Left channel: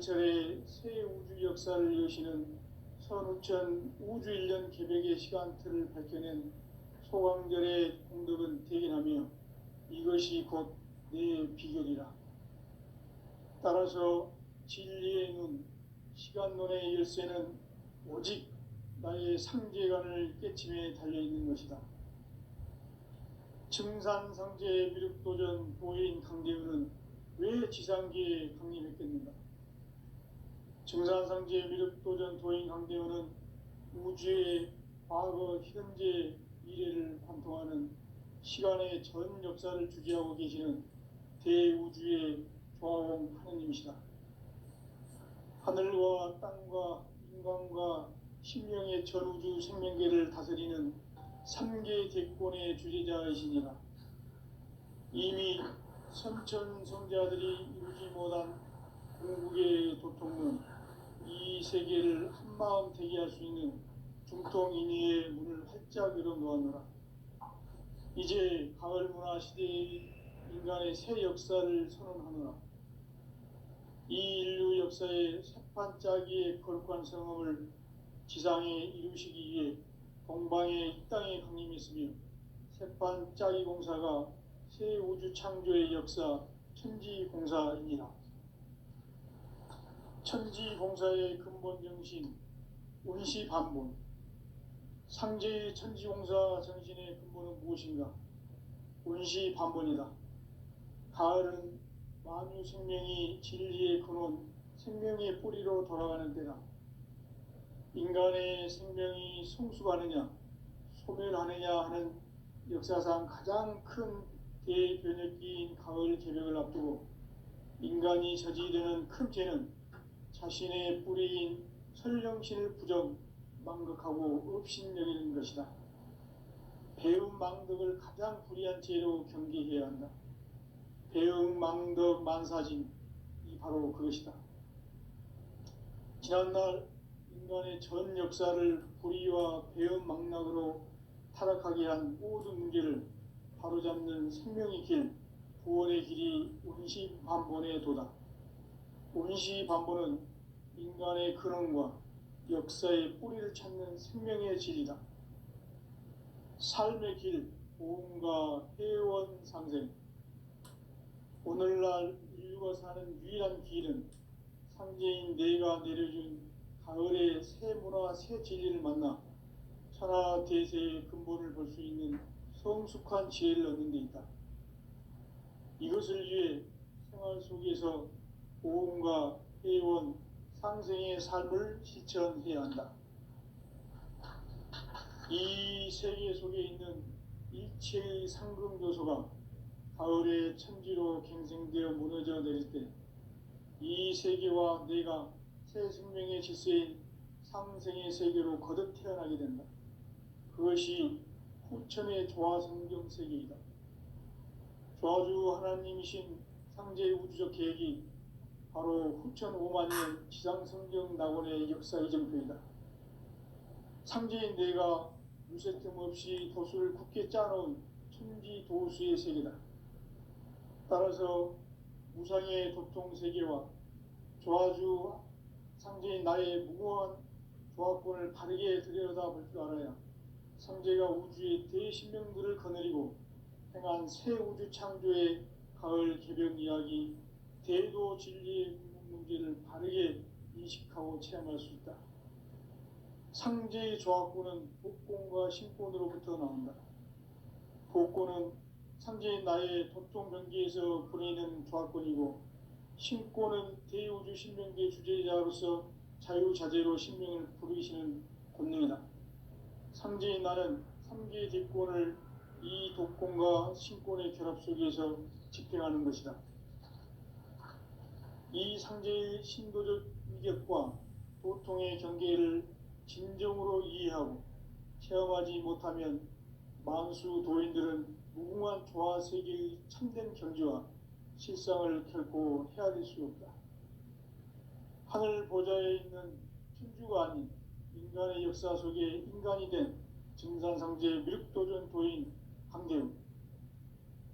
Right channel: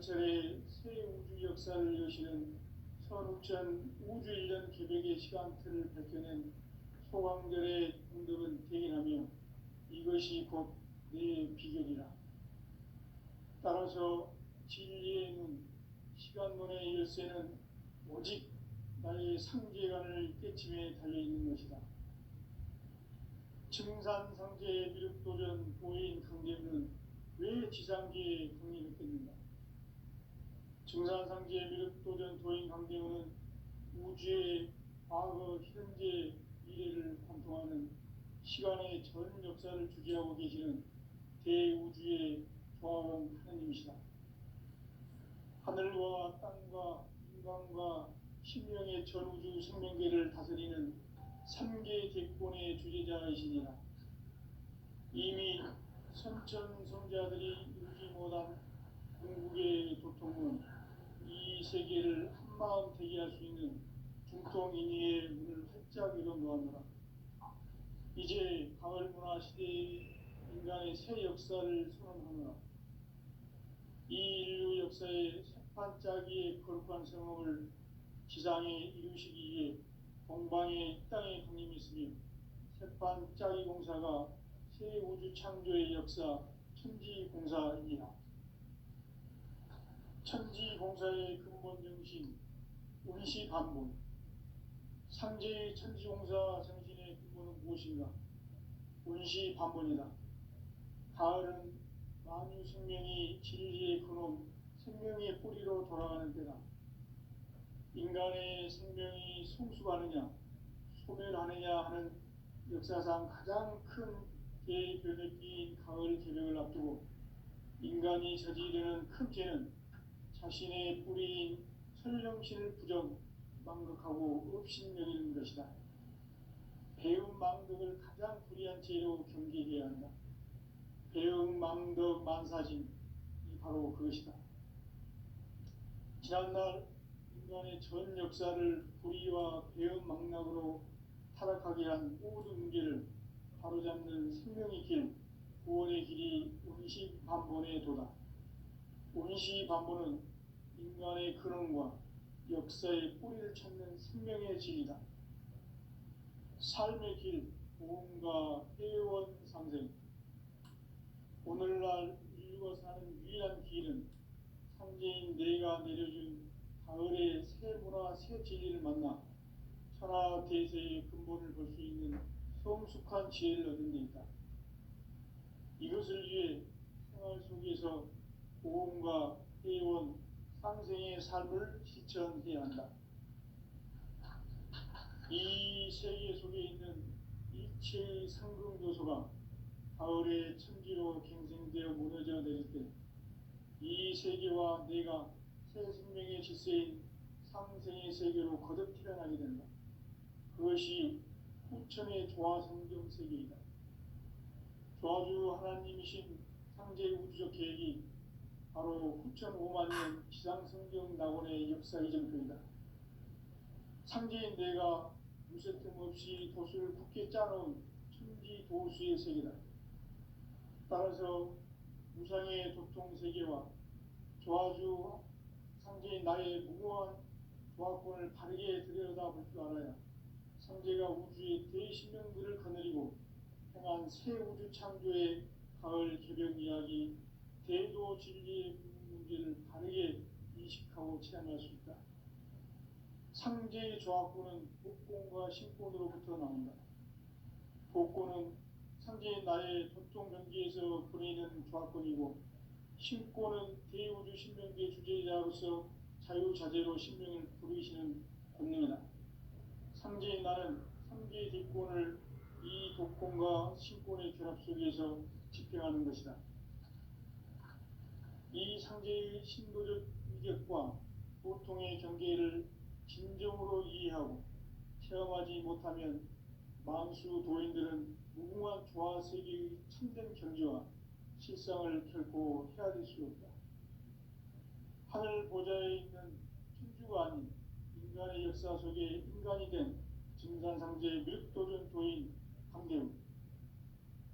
철의 새 우주 역사를 여시는 선우천 우주일년 계획의 시간틀을 밝혀낸 소강절의 공덕은 대견하며 이것이 곧 내 비결이라. 따라서 진리의 눈, 시간론의 열쇠는 오직 나의 상제관을 깨침에 달려있는 것이다. 증산상제의 미륵도전 도인 강대우는 왜 지상계에 강림했겠는가? 증산상제의 미륵도전 도인 강대우는 우주의 과거, 현재, 미래를 관통하는 시간의 전 역사를 주재하고 계시는 대우주의 조화원 하느님이시다. 하늘과 땅과 인간과 신명의 전우주 생명계를 다스리는 3계 대권의 주재자이시니라. 이미 선천성자들이 이루지 못한 궁극의 도통은 이 세계를 한마음 되게 할 수 있는 중통인의의 문을 활짝 열어놓았노라. 이제 가을 문화 시대의 인간의 새 역사를 선언하노라. 이 인류 역사의 새판짜기의 거룩한 성험을 지상에 이루시기 위해 동방의 이 땅에 강림했으며 새판짜기 공사가 새 우주 창조의 역사 천지공사이니라. 천지공사의 근본 정신 운시반본, 상제의 천지공사 정신의 근본은 무엇인가? 운시반본이다. 가을은 만유 생명이 진리의 근원, 생명의 뿌리로 돌아가는 때다. 인간의 생명이 성숙하느냐, 소멸하느냐 하는 역사상 가장 큰 대변혁기인 가을 개벽을 앞두고 인간이 저지르는 큰 죄는 자신의 뿌리인 설령신을 부정, 망극하고 업신여기는 것이다. 배움 망덕을 가장 불의한 죄로 경계해야 한다. 배움 망덕 만사진이 바로 그것이다. 지난날 인간의 전 역사를 불의와 배움 망락으로 타락하게 한 모든 문제를 바로잡는 생명의 길, 구원의 길이 운시반본의 도다. 운시반본은 인간의 근원과 역사의 뿌리를 찾는 생명의 질이다. 삶의 길, 보험과 회원 상생. 오늘날 인류가 사는 유일한 길은 상제인 내가 내려준 가을의 새 문화, 새 진리를 만나 천하 대세의 근본을 볼 수 있는 성숙한 지혜를 얻는 데 있다. 이것을 위해 생활 속에서 보험과 회원, 상생의 삶을 실천해야 한다. 이 세계 속에 있는 일체의 상금 요소가 가을의 천지로 갱생되어 무너져 내릴 때 이 세계와 내가 새 생명의 질서인 상생의 세계로 거듭 태어나게 된다. 그것이 후천의 조화성경 세계이다. 조화주 하나님이신 상제의 우주적 계획이 바로 후천 5만 년 지상성경 낙원의 역사 이정표이다. 상제인 내가 유세 틈 없이 도수를 굳게 짜놓은 천지 도수의 세계다. 따라서 무상의 도통 세계와 조화주 상제인 나의 무궁한 조화권을 바르게 들여다볼 줄 알아야 상제가 우주의 대신명들을 거느리고 행한 새 우주 창조의 가을 개벽 이야기, 대도 진리의 문제를 바르게 인식하고 체험할 수 있다. 상제의 조화권은 복권과 신권으로부터 나온다. 복권은 상제의 나의 도통 경계에서 보내는 조화권이고, 신권은 대우주 신명계 주제자로서 자유자재로 신명을 부르시는 권능이다. 상제의 나는 3계 대권을 이 도권과 신권의 결합 속에서 집행하는 것이다. 이 상제의 신도적 위격과 도통의 경계를 진정으로 이해하고 체험하지 못하면 만수 도인들은 무궁한 조화세계의 참된 경지와 실상을 결코 헤아릴 수 없다. 하늘 보좌에 있는 천주가 아닌 인간의 역사 속에 인간이 된 증산상제 미륵도전 도인 강대우.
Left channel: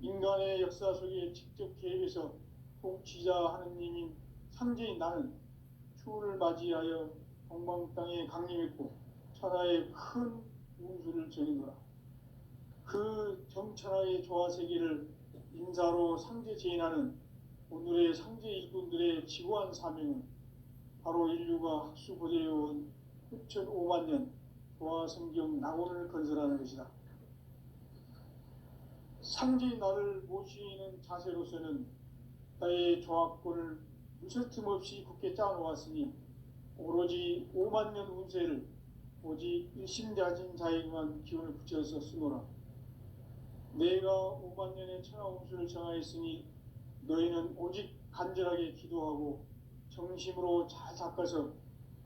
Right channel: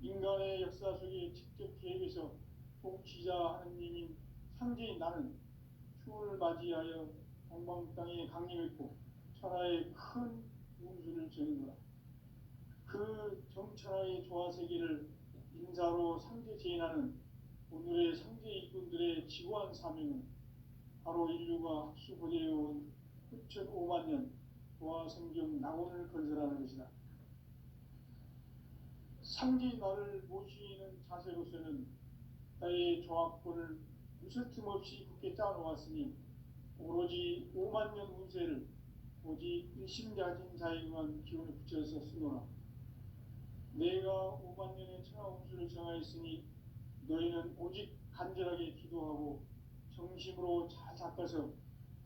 인간의 역사 속에 직접 개입해서 통치자 하느님인 상제인 나는 추운을 맞이하여 동방 땅에 강림했고 천하에 큰 운수를 전이노라. 그 정천하의 조화세계를 인사로 상제제인하는 오늘의 상제 일꾼들의 지구한 사명은 바로 인류가 학수고대해온 6,500만 년 조화성경 낙원을 건설하는 것이다. 상제의 나를 모시는 자세로서는 나의 조합권을 무설틈 없이 굳게 짜놓았으니 오로지 5만 년 운세를 오직 일심자진 자에게만 기운을 붙여서 쓰노라. 내가 5만 년의 천하 운수를 정하였으니 너희는 오직 간절하게 기도하고 정심으로 잘 닦아서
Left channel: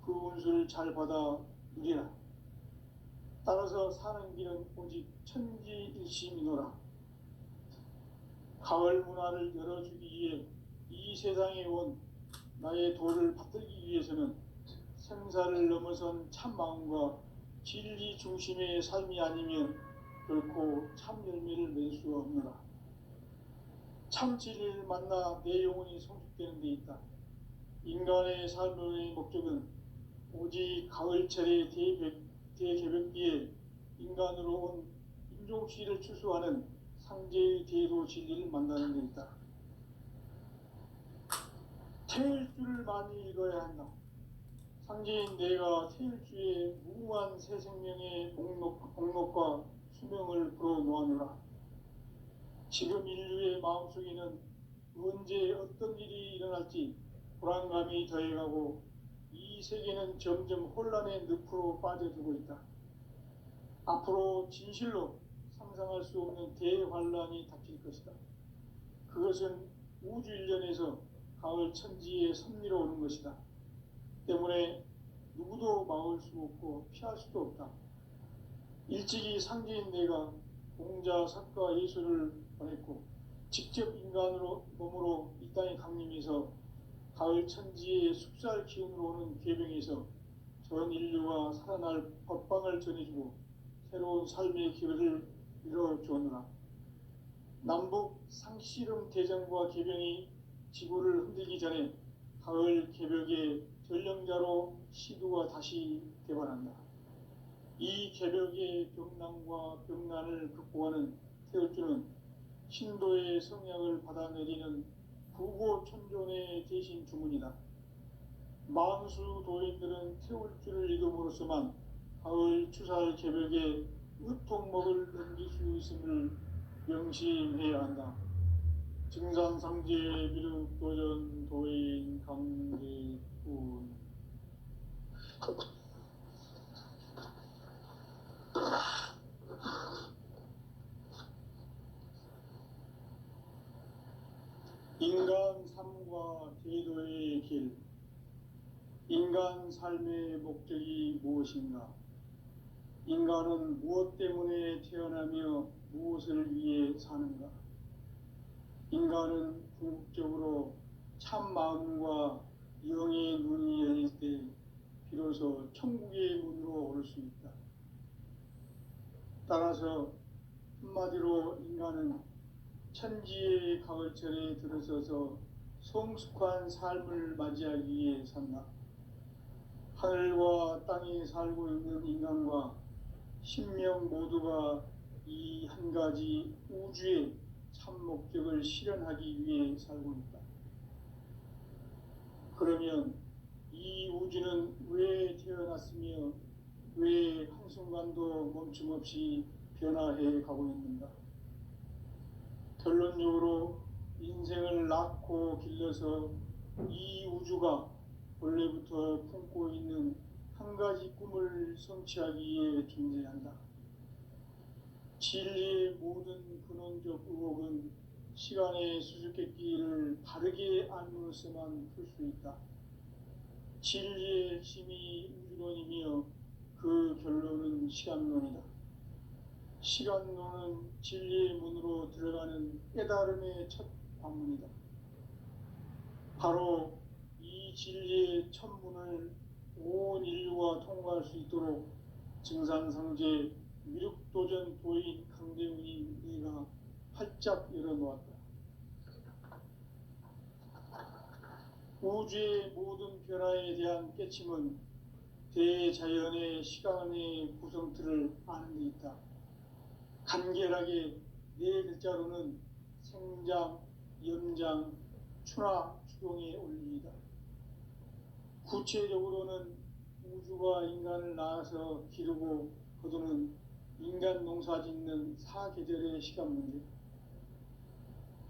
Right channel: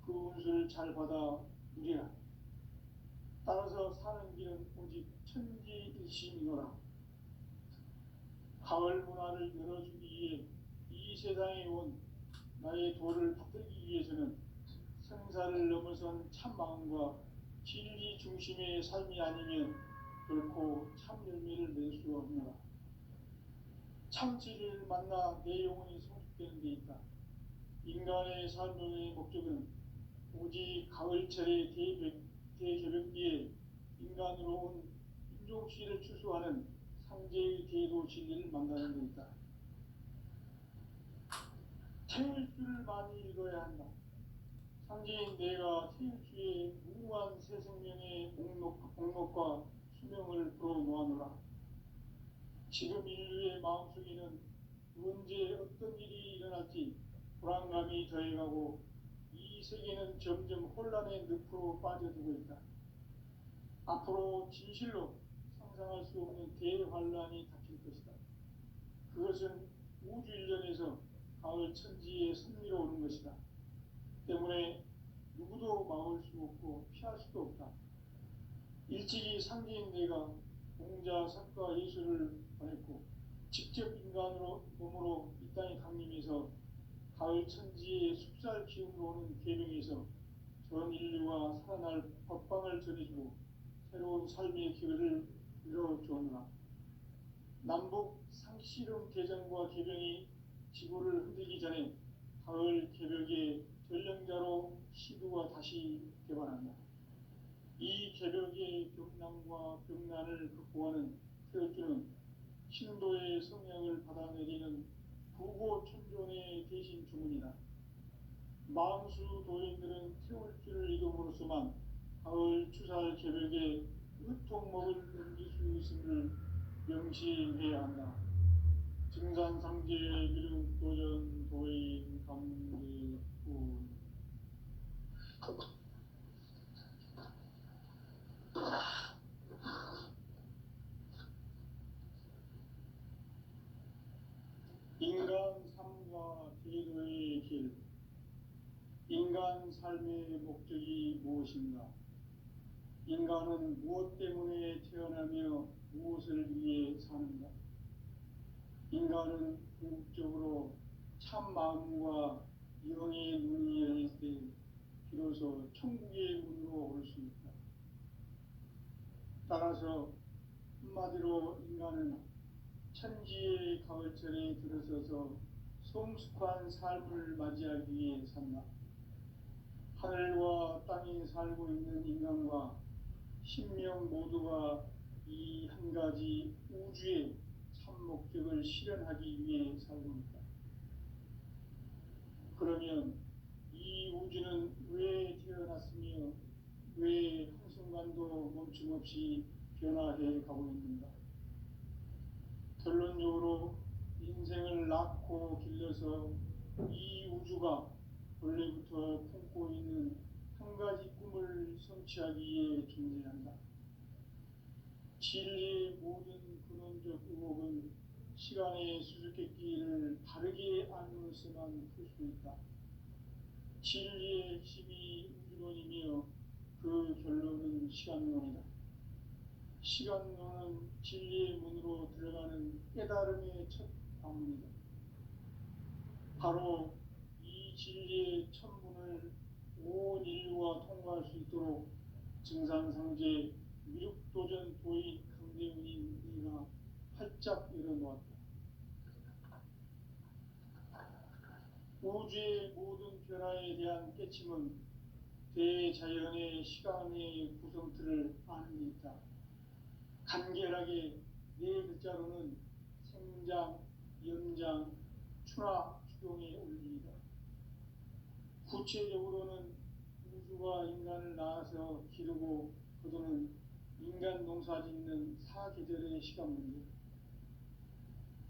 그 운수를 잘 받아 누리라. 따라서 사는 길은 오직 천지일심이노라. 가을 문화를 열어주기 위해 이 세상에 온 나의 도를 받들기 위해서는 생사를 넘어선 참 마음과 진리 중심의 삶이 아니면 결코 참 열매를 낼 수 없노라. 참 진리를 만나 내 영혼이 성숙되는 데 있다. 인간의 삶의 목적은 오직 가을철의 대개벽기에 인간으로 온 인종시를 추수하는 상제의 대도 진리를 만나는 데 있다. 태일주를 많이 읽어야 한다. 상제인 내가 태일주의 무궁한 새 생명의 목록과 수명을 풀어놓아노라. 지금 인류의 마음속에는 언제 어떤 일이 일어날지 불안감이 더해가고 이 세계는 점점 혼란의 늪으로 빠져들고 있다. 앞으로 진실로 상상할 수 없는 대환란이 닥칠 것이다. 그것은 우주 일련에서 가을 천지의 섭리로 오는 것이다. 때문에 누구도 막을 수 없고 피할 수도 없다. 일찍이 상제인 내가 공자, 석가, 예수를 보냈고 직접 인간으로 몸으로 이 땅에 강림해서 가을 천지의 숲살 기운으로 오는 계명에서 전 인류와 살아날 법방을 전해주고 새로운 삶의 기회를 이뤄주었노라. 남북 상씨름 대전과 계병이 지구를 흔들기 전에 가을 개벽의 전령자로 시두가 다시 개관한다. 이 개벽의 병난과 병난을 극복하는 태울주는 신도의 성향을 받아내리는 부고천존의 대신 주문이다. 만수 도인들은 태울주를 이름으로서만 가을 추살 개벽에 의통목을 넘길 수 있음을 명심해야 한다. 증산상제 미륵도전 도인 강대군. 인간 삶과 제도의 길. 인간 삶의 목적이 무엇인가? 인간은 무엇 때문에 태어나며 무엇을 위해 사는가? 인간은 궁극적으로 참 마음과 영의 눈이 열릴 때 비로소 천국의 문으로 오를 수 있다. 따라서 한마디로 인간은 천지의 가을철에 들어서서 성숙한 삶을 맞이하기 위해 산다. 하늘과 땅에 살고 있는 인간과 신명 모두가 이 한 가지 우주의 참 목적을 실현하기 위해 살고 있다. 그러면 이 우주는 왜 태어났으며 왜 한순간도 멈춤없이 변화해 가고 있는가? 결론적으로 인생을 낳고 길러서 이 우주가 원래부터 품고 있는 한 가지 꿈을 성취하기 위해 존재한다. 진리의 모든 근원적 의혹은 시간의 수수께끼를 바르게 알므로서만 풀 수 있다. 진리의 핵심이 우주론이며 그 결론은 시간론이다. 시간론은 진리의 문으로 들어가는 깨달음의 첫 관문이다. 바로 이 진리의 첫 문을 온 인류가 통과할 수 있도록 증산상제 미륵도전 도인 강대훈이 네가 활짝 열어놓았다. 우주의 모든 변화에 대한 깨침은 대자연의 시간의 구성틀을 아는 데 있다. 간결하게 네 글자로는 생장, 연장, 추나 추동의 원리이다. 구체적으로는 우주가 인간을 낳아서 기르고 거두는 인간 농사 짓는 사계절의 시간 문제,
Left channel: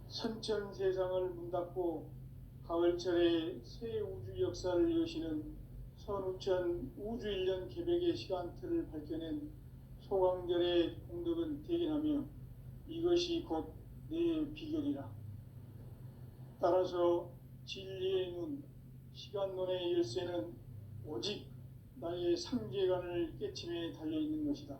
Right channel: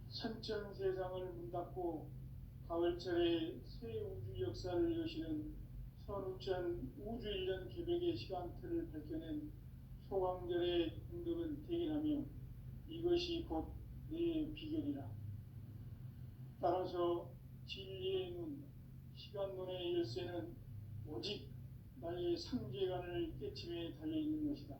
선천 세상을 문닫고 가을철에 새 우주 역사를 여시는 선우천 우주 1년 개백의 시간틀을 밝혀낸 소강절의 공덕은 대견하며 이것이 곧 내 비결이라. 따라서 진리의 눈, 시간론의 열쇠는 오직 나의 상제관을 깨침에 달려있는 것이다.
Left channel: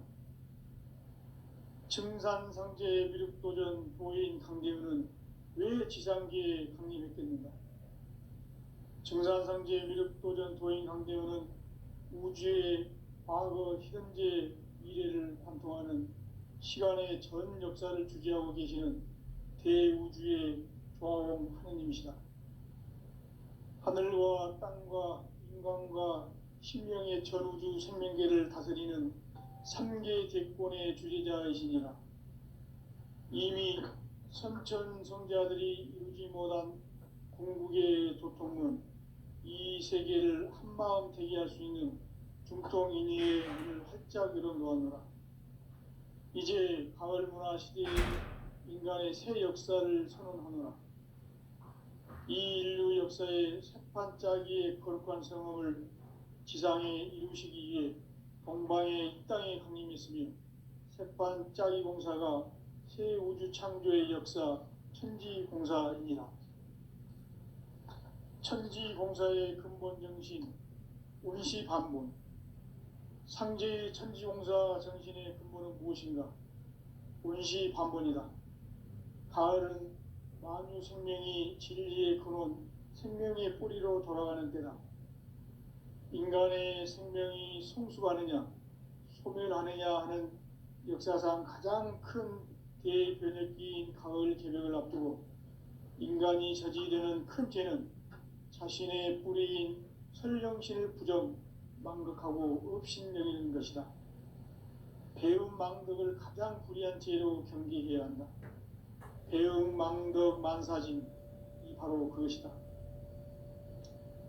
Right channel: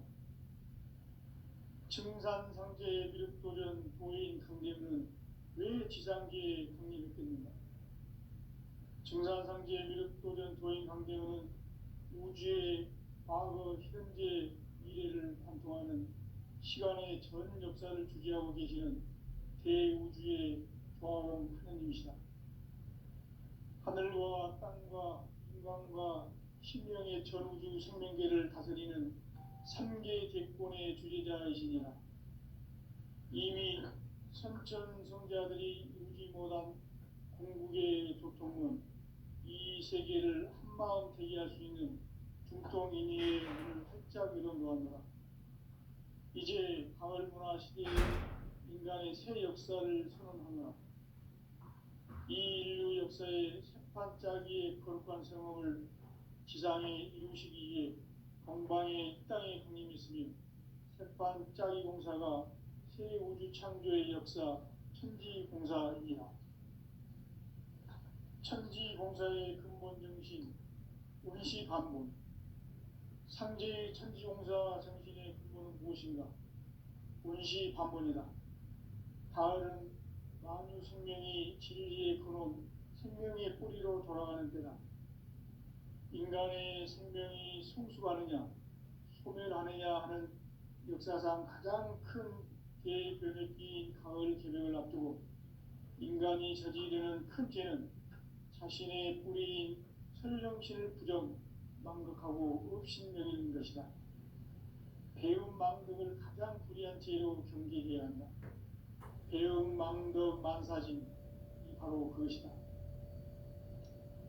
증산상제의 미륵도전 도인 강대우는 왜 지상계에 강림했겠는가? 증산상제의 미륵도전 도인 강대우는 우주의 과거, 현재, 미래를 관통하는 시간의 전 역사를 주재하고 계시는 대우주의 조화원 하느님이시다. 하늘과 땅과 인간과 신명의 전우주 생명계를 다스리는 3계 대권의 주재자이시니라. 이미 선천성자들이 이루지 못한 궁극의 도통은 이 세계를 한마음 되게 할 수 있는 중통인의의 문을 활짝 열어놓았노라. 이제 가을 문화 시대의 인간의 새 역사를 선언하노라. 이 인류 역사의 새판짜기의 거룩한 성험을 지상에 이루시기 위해 동방의 이 땅에 강림했으며 새판짜기 공사가 새 우주 창조의 역사 천지공사이니라. 천지공사의 근본 정신 운시반본, 상제의 천지공사 정신의 근본은 무엇인가? 운시반본이다. 가을은 만유 생명이 진리의 근원, 생명의 뿌리로 돌아가는 때다. 인간의 생명이 성숙하느냐, 소멸하느냐 하는 역사상 가장 큰 대변혁기인 가을 개벽을 앞두고 인간이 저지르는 큰 죄는 자신의 뿌리인 설령신을 부정, 망극하고 업신여기는 것이다. 배움 망덕을 가장 불의한 죄로 경계해야 한다. 배움 망덕 만사진, 이 바로 그것이다.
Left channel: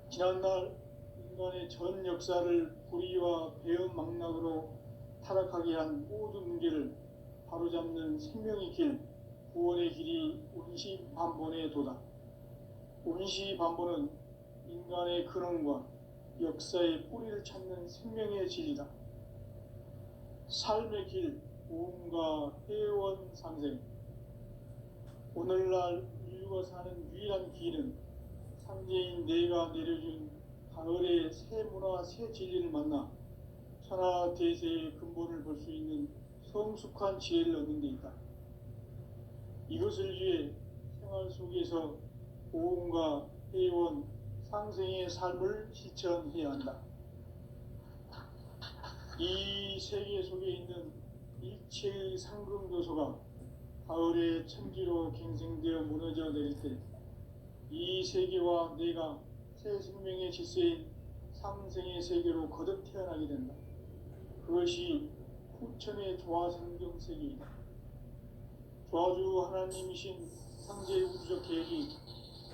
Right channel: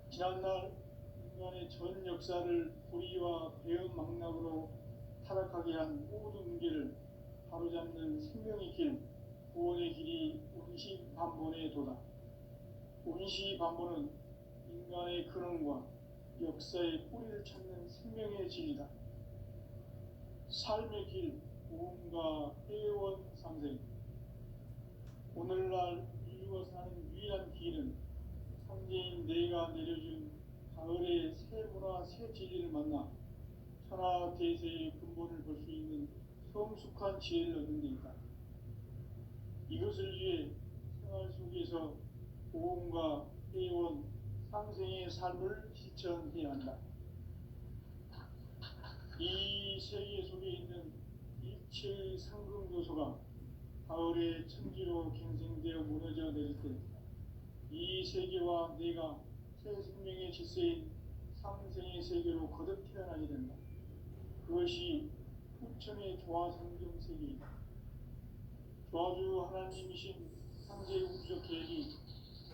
지난날 인간의 전 역사를 불의와 배움 망락으로 타락하게 한 모든 문제를 바로잡는 생명의 길, 구원의 길이 운시반본의 도다. 운시반본은 인간의 근원과 역사의 뿌리를 찾는 생명의 진리다. 삶의 길, 보험과 회원 상생. 오늘날 인류가 사는 유일한 길은 상제인 내가 내려준 가을의 새 문화, 새 진리를 만나 천하대세의 근본을 볼 수 있는 성숙한 지혜를 얻는 데 있다. 이것을 위해 생활 속에서 보험과 회원, 상생의 삶을 실천해야 한다. 이 세계 속에 있는 일체의 상금도소가 가을의 천지로 갱생되어 무너져 내릴 때 이 세계와 내가 새 생명의 질서인 상생의 세계로 거듭 태어나게 된다. 그것이 후천의 조화성경 세계이다. 조화주 하나님이신 상제의 우주적 계획이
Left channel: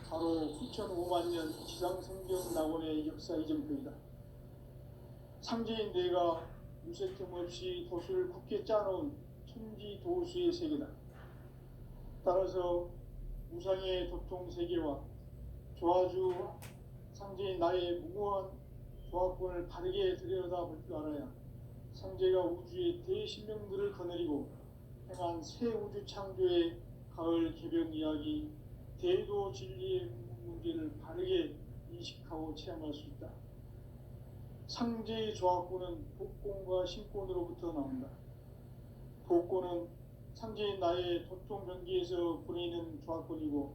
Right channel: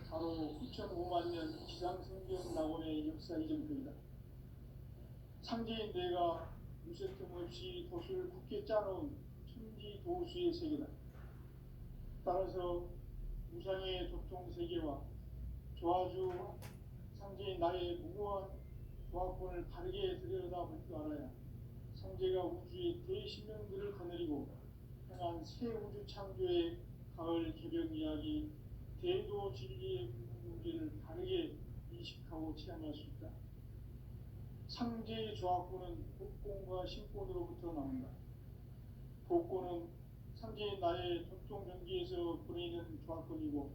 바로 후천 5만 년 지상생경 낙원의 역사 이전표이다. 상제인 내가 무쇠 틈 없이 도수를 굳게 짜놓은 천지도수의 세계다. 따라서 무상의 도통 세계와 조화주 상제인 나의 무모한 조합권을 바르게 들여다볼 줄 알아야 상제가 우주의 대신명들을 거느리고 행한 새 우주 창조의 가을 개변 이야기, 대도 진리의 문제를 바르게 인식하고 체험할 수 있다. 상제의 조합권은 복권과 신권으로부터 나온다. 복권은 상제인 나의 도통 변기에서 보내는 조합권이고,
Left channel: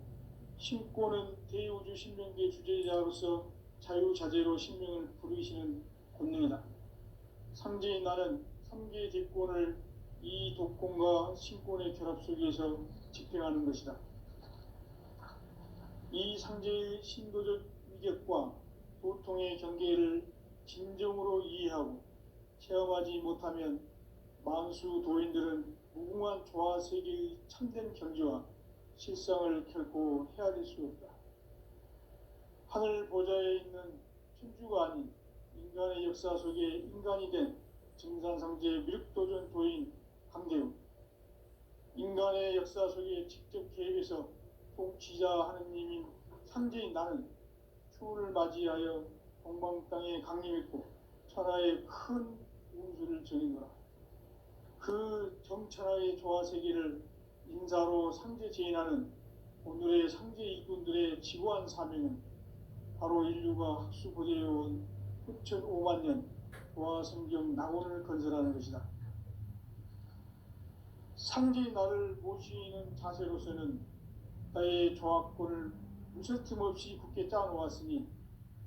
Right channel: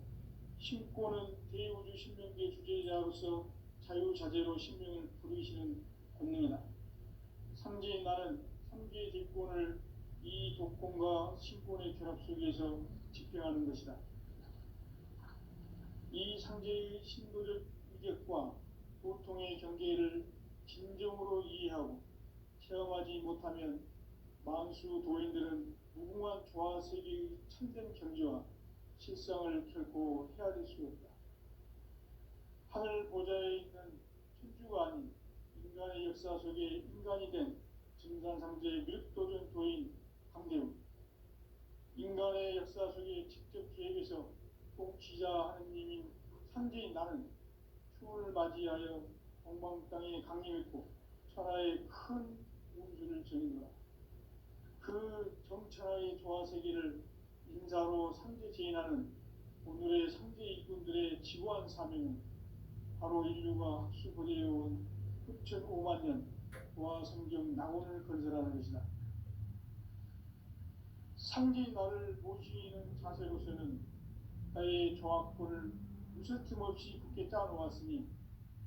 신권은 대우주 신명계 주제자로서 자유자재로 신명을 부르시는 권능이다. 상제인 나는 3개 대권을 이 독권과 신권의 결합 속에서 집행하는 것이다. 이 상제의 신도적 이격과 고통의 경계를 진정으로 이해하고 체험하지 못하면 만수 도인들은 무궁한 조화 세계의 참된 경지와 실상을 결코 헤아릴 수 없다. 하늘 보좌에 있는 천주가 아닌 인간의 역사 속에 인간이 된 증산상제 미륵도전 도인 강대우, 인간의 역사 속에 직접 개입해서 통치자 하느님인 상제인 나는 추운을 맞이하여 동방 땅에 강림했고 천하의 큰 운수를 전인노라. 그 정천하의 조화 세계를 인사로 상제 제인하는 오늘의 상제 일꾼들의 지구한 사명은 바로 인류가 학수고대해온 흑천 5만 년 보아 성경 낙원을 건설하는 것이다. 상제인 나를 모시는 자세로서는 나의 조합권을 무설틈 없이 굳게 짜놓았으니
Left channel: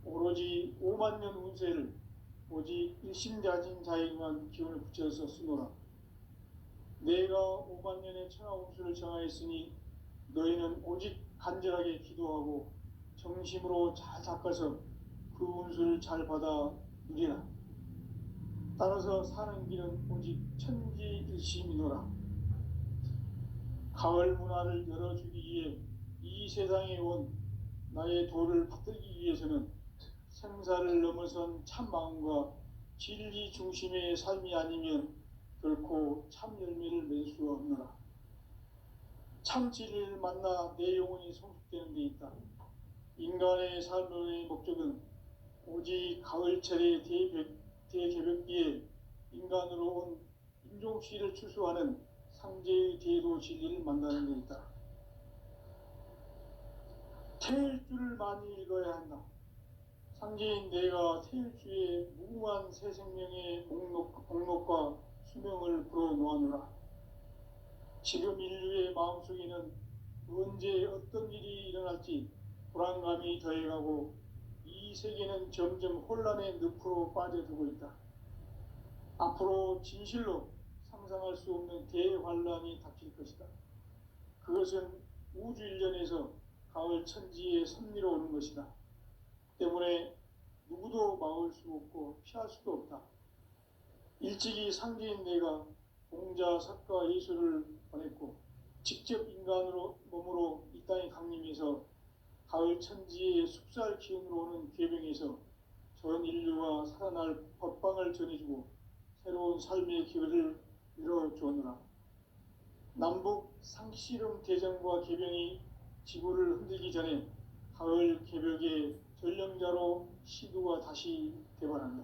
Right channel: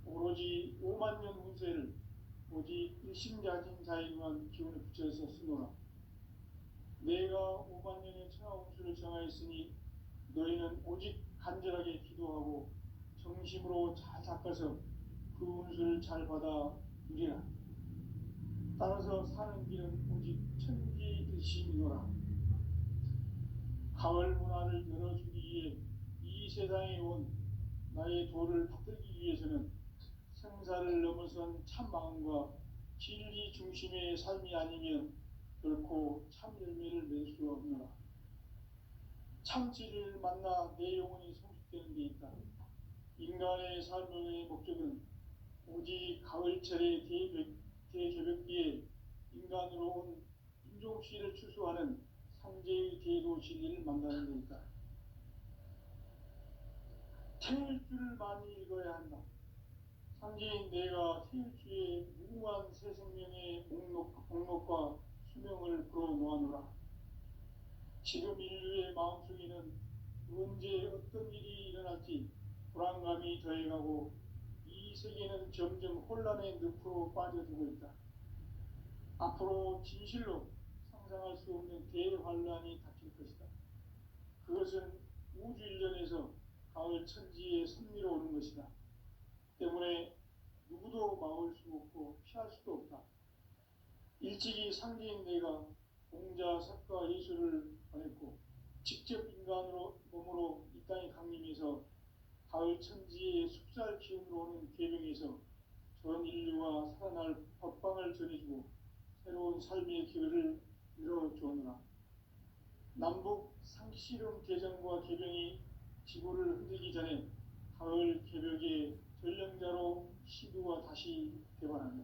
오로지 5만 년 운세를 오직 일심자진 자에게만 기운을 붙여서 쓰노라. 내가 5만 년의 천하 운수를 정하였으니 너희는 오직 간절하게 기도하고 정심으로 잘 닦아서 그 운수를 잘 받아 누리라. 따라서 사는 길은 오직 천지일심이노라. 가을 문화를 열어주기 위해 이 세상에 온 나의 도를 받들기 위해서는 생사를 넘어선 참 마음과 진리 중심의 삶이 아니면 결코 참 열매를 맺을 수 없노라. 참 진리를 만나 내 영혼이 성숙되는 데 있다. 인간의 삶의 목적은 오직 가을철의 대개벽기에 인간으로 온 인종씨를 추수하는 상제의 대도 진리를 만나는 데 있다. 태일주를 많이 읽어야 한다. 상제인 내가 태일주의 무궁한 새 생명의 목록과 수명을 불어놓아노라. 지금 인류의 마음속에는 언제 어떤 일이 일어날지 불안감이 더해가고 이 세계는 점점 혼란의 늪으로 빠져들고 있다. 앞으로 진실로 상상할 수 없는 대환란이 닥칠 것이다. 그것은 우주 일련에서 가을 천지에 선미로 오는 것이다. 때문에 누구도 막을 수 없고 피할 수도 없다. 일찍이 상제인 내가 공자, 석가, 예수를 보냈고 직접 인간으로 몸으로 이 땅에 강림해서 가을 천지의 숙살 기운으로 오는 계명에서 전 인류가 살아날 법방을 전해주고 새로운 삶의 기회를 이뤄주었노라. 남북 상씨름 대전과 계병이 지구를 흔들기 전에 가을 개벽의 전령자로 시두가 다시 대반한다.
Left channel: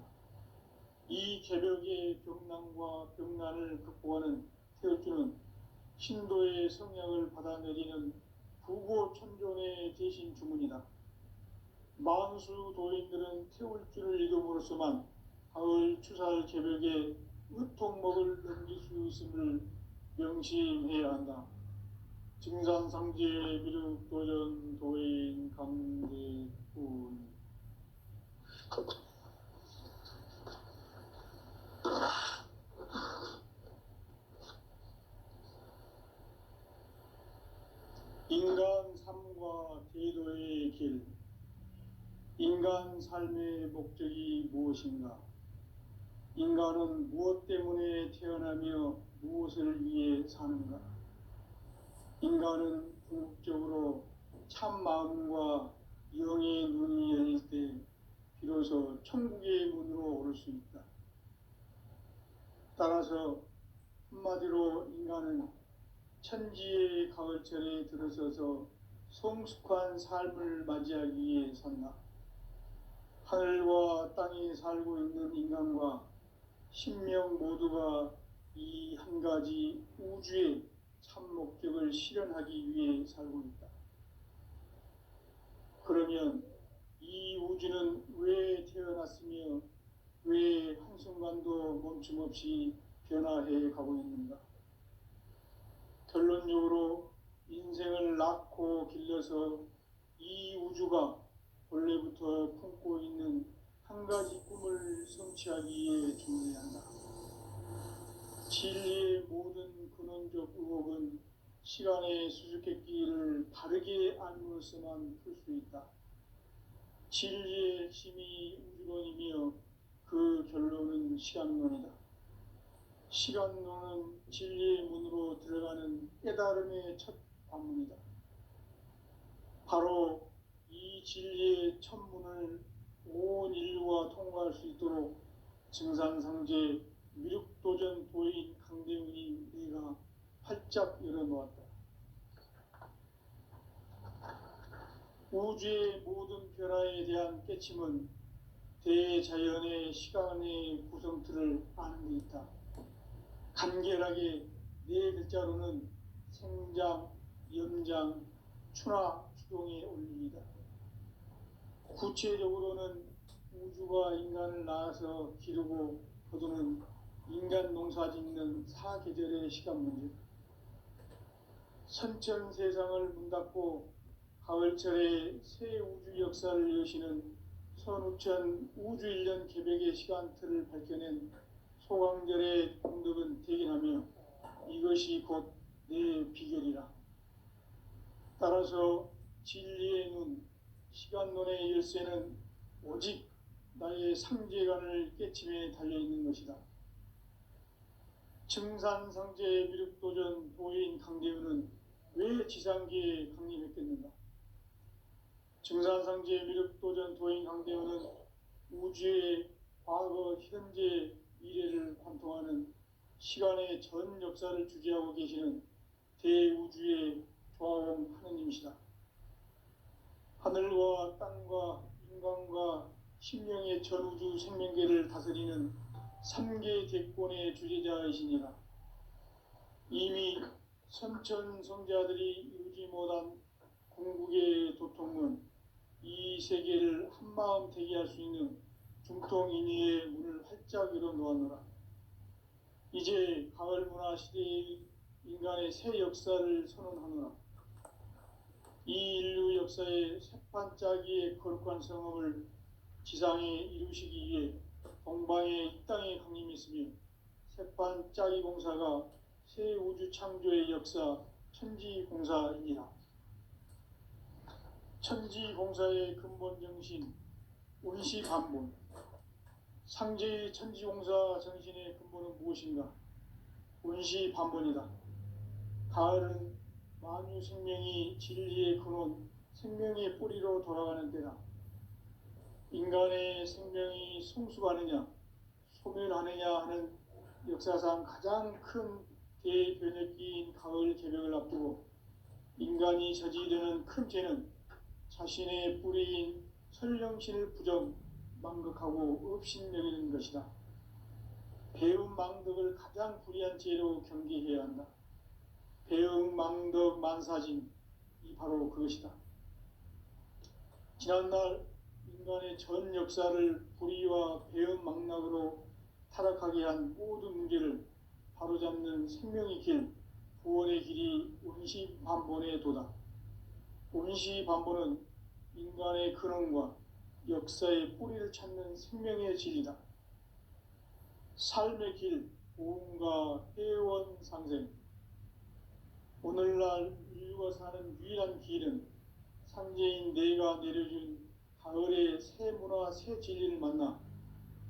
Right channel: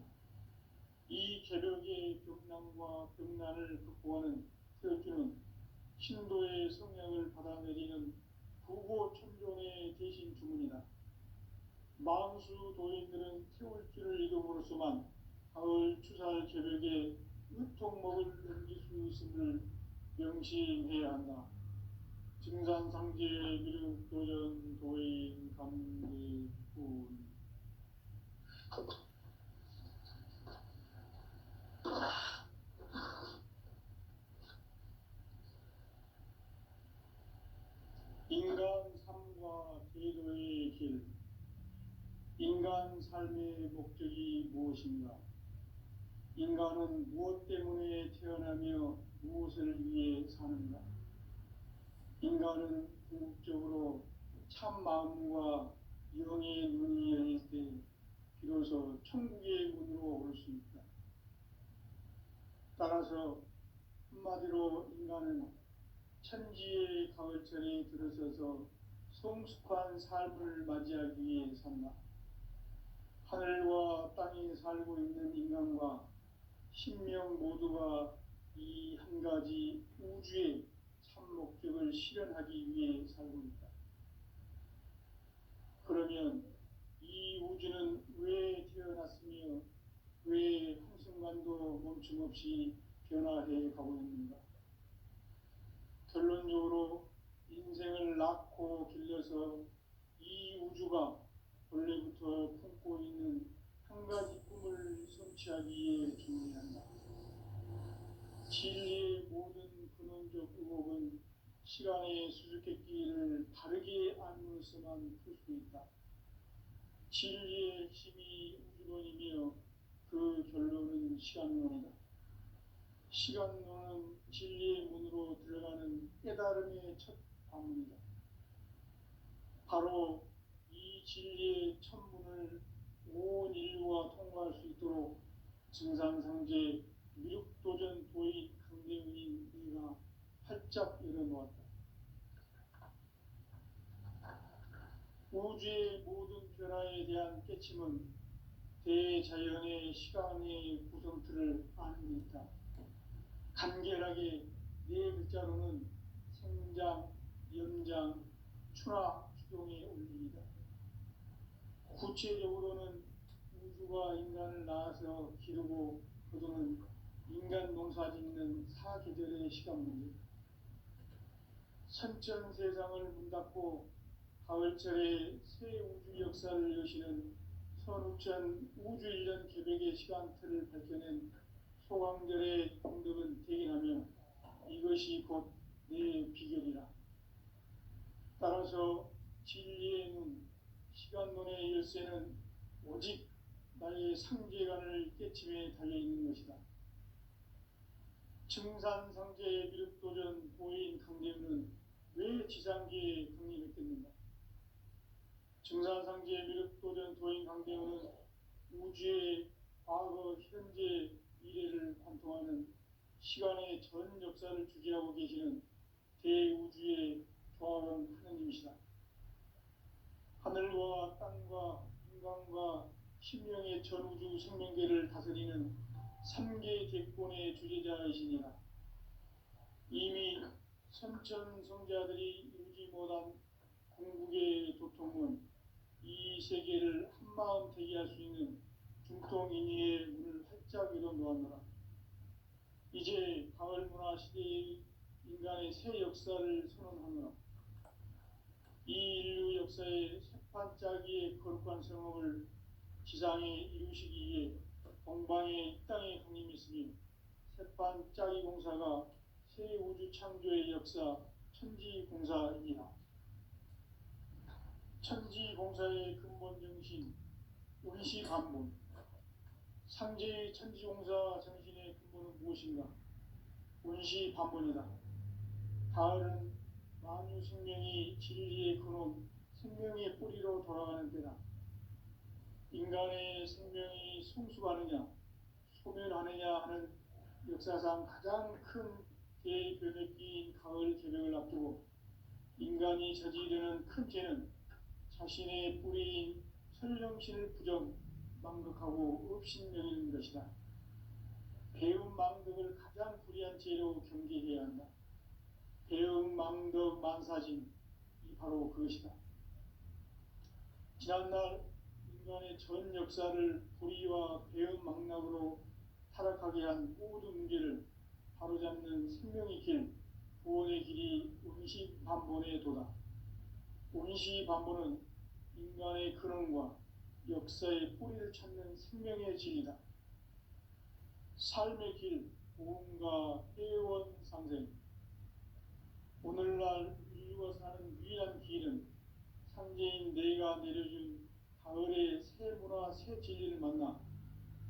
이 개벽의 병난과 병난을 극복하는 태울주는 신도의 성령을 받아내리는 부고천존의 대신 주문이다. 만수 도인들은 태울주를 읽음으로써만 가을 추살 개벽에 의통목을 넘길 수 있음을 명심해야 한다. 증산상제 미륵도전 도인 강대훈. 인간 삶과 제도의 길. 인간 삶의 목적이 무엇인가? 인간은 무엇 때문에 태어나며 무엇을 위해 사는가? 인간은 궁극적으로 참 마음과 영의 눈이 열릴 때 비로소 천국의 문으로 오를 수 있다. 따라서 한마디로 인간은 천지의 가을철에 들어서서 성숙한 삶을 맞이하기 위해 산다. 하늘과 땅에 살고 있는 인간과 신명 모두가 이 한 가지 우주의 참 목적을 실현하기 위해 살고 있다. 그러면 이 우주는 왜 태어났으며 왜 한순간도 멈춤없이 변화해 가고 있는가? 결론적으로 인생을 낳고 길러서 이 우주가 원래부터 품고 있는 한 가지 꿈을 성취하기 위해 준비해야 한다. 진리의 모든 근원적 의혹은 시간의 수수께끼를 바르게 알므로써만 풀 수 있다. 진리의 핵심이 우주론이며 그 결론은 시간론이다. 시간론은 진리의 문으로 들어가는 깨달음의 첫 관문이다. 바로 이 진리의 첫 문을 온 인류가 통과할 수 있도록 증산상제 미륵도전 도인 강대훈이 내가 활짝 열어놓았다. 우주의 모든 변화에 대한 깨침은 대자연의 시간의 구성틀을 아는 데 있다. 간결하게 네 글자로는 생장, 연장, 추나 추동의 원리이다. 구체적으로는 우주가 인간을 낳아서 기르고 거두는 인간 농사 짓는 사계절의 시간 문제. 선천 세상을 문 닫고 가을철에 새 우주 역사를 여시는 선우천 우주 1년 개백의 시간틀을 밝혀낸 소강절의 공덕은 대견하며 이것이 곧 내 비결이라. 따라서 진리의 눈, 시간론의 열쇠는 오직 나의 상제관을 깨침에 달려있는 것이다. 증산상제 미륵도전 도인 강대훈은 왜 지상계에 강림했겠는가? 증산상제 미륵도전 도인 강대훈은 우주의 과거, 현재, 미래를 관통하는 시간의 전 역사를 주재하고 계시는 대우주의 조화원 하느님이시다. 하늘과 땅과 인간과 신명의 전우주 생명계를 다스리는 3계 대권의 주재자이시니라. 이미 선천성자들이 이루지 못한 궁극의 도통은 이 세계를 한마음 되게 할 수 있는 중통인의의 문을 활짝 열어놓았노라. 이제 가을 문화 시대의 인간의 새 역사를 선언하노라. 이 인류 역사의 새반짝이의 거룩한 성업을 지상에 이루시기 위해 동방의 이 땅에 강림했으며 새반짝이 공사가 새 우주 창조의 역사 천지공사이니라. 천지공사의 근본 정신 운시반본. 상제의 천지공사 정신의 근본은 무엇인가? 운시반본이다. 가을은 만유 생명이 진리의 근원, 생명의 뿌리로 돌아가는 때다. 인간의 생명이 성숙하느냐, 소멸하느냐 하는 역사상 가장 큰 대변혁기인 가을 개벽을 앞두고 인간이 저지르는 큰 죄는 자신의 뿌리인 설령신을 부정, 망극하고 업신여기는 것이다. 배움 망덕을 가장 불의한 죄로 경계해야 한다. 배움 망덕 만사진, 이 바로 그것이다. 지난날 인간의 전 역사를 불의와 배움 망락으로 타락하게 한 모든 문제를 바로잡는 생명의 길, 구원의 길이 운시반본의 도다. 운시반본은 인간의 근원과 역사의 뿌리를 찾는 생명의 진리다. 삶의 길, 보험과 회원 상생. 오늘날 인류가 사는 유일한 길은 상제인 내가 내려준 가을의 새 문화, 새 진리를 만나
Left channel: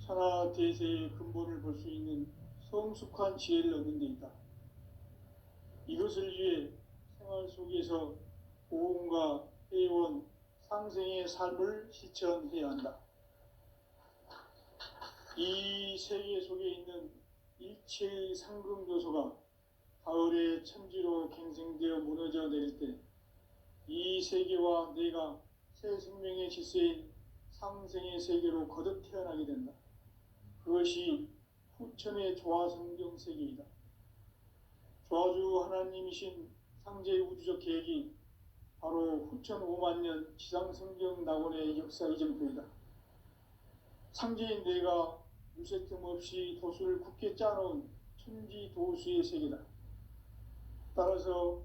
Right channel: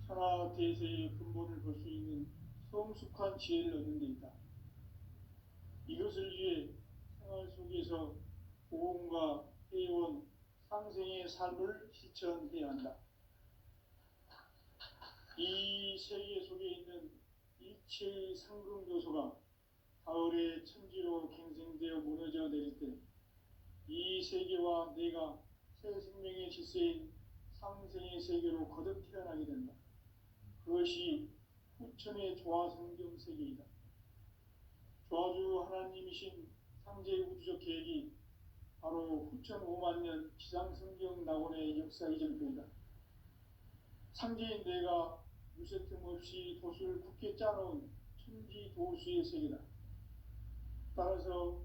천하대세의 근본을 볼 수 있는 성숙한 지혜를 얻는 데 있다. 이것을 위해 생활 속에서 보험과 회원, 상생의 삶을 실천해야 한다. 이 세계 속에 있는 일체의 상금요소가 가을의 천지로 갱생되어 무너져 내릴 때 이 세계와 내가 새 생명의 질서인 상생의 세계로 거듭 태어나게 된다. 그것이 후천의 조화성경 세계이다. 조화주 하나님이신 상제의 우주적 계획이 바로 후천 5만 년 지상성경 낙원의 역사 이전표이다. 상제인 내가 무쇠 틈 없이 도수를 굳게 짜놓은 천지 도수의 세계다. 따라서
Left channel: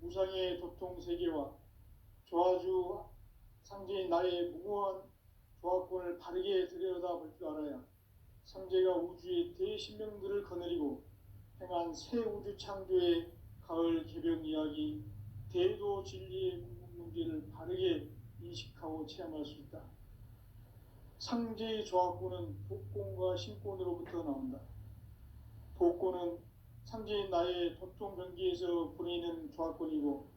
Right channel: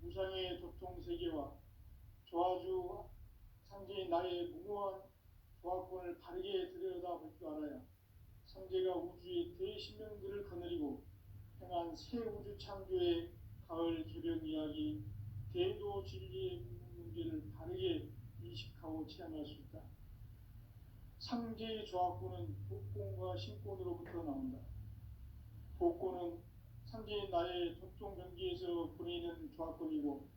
무상의 도통 세계와 조화주 상제인 나의 무궁한 조화권을 바르게 들여다볼 줄 알아야 상제가 우주의 대신명들을 거느리고 행한 새 우주 창조의 가을 개벽 이야기, 대도 진리의 궁극 문제를 바르게 인식하고 체험할 수 있다. 상제의 조합구는 독곤과 신곤으로부터 나온다. 독곤은 상제인 나의 독종 병기에서 부리는 조합권이고,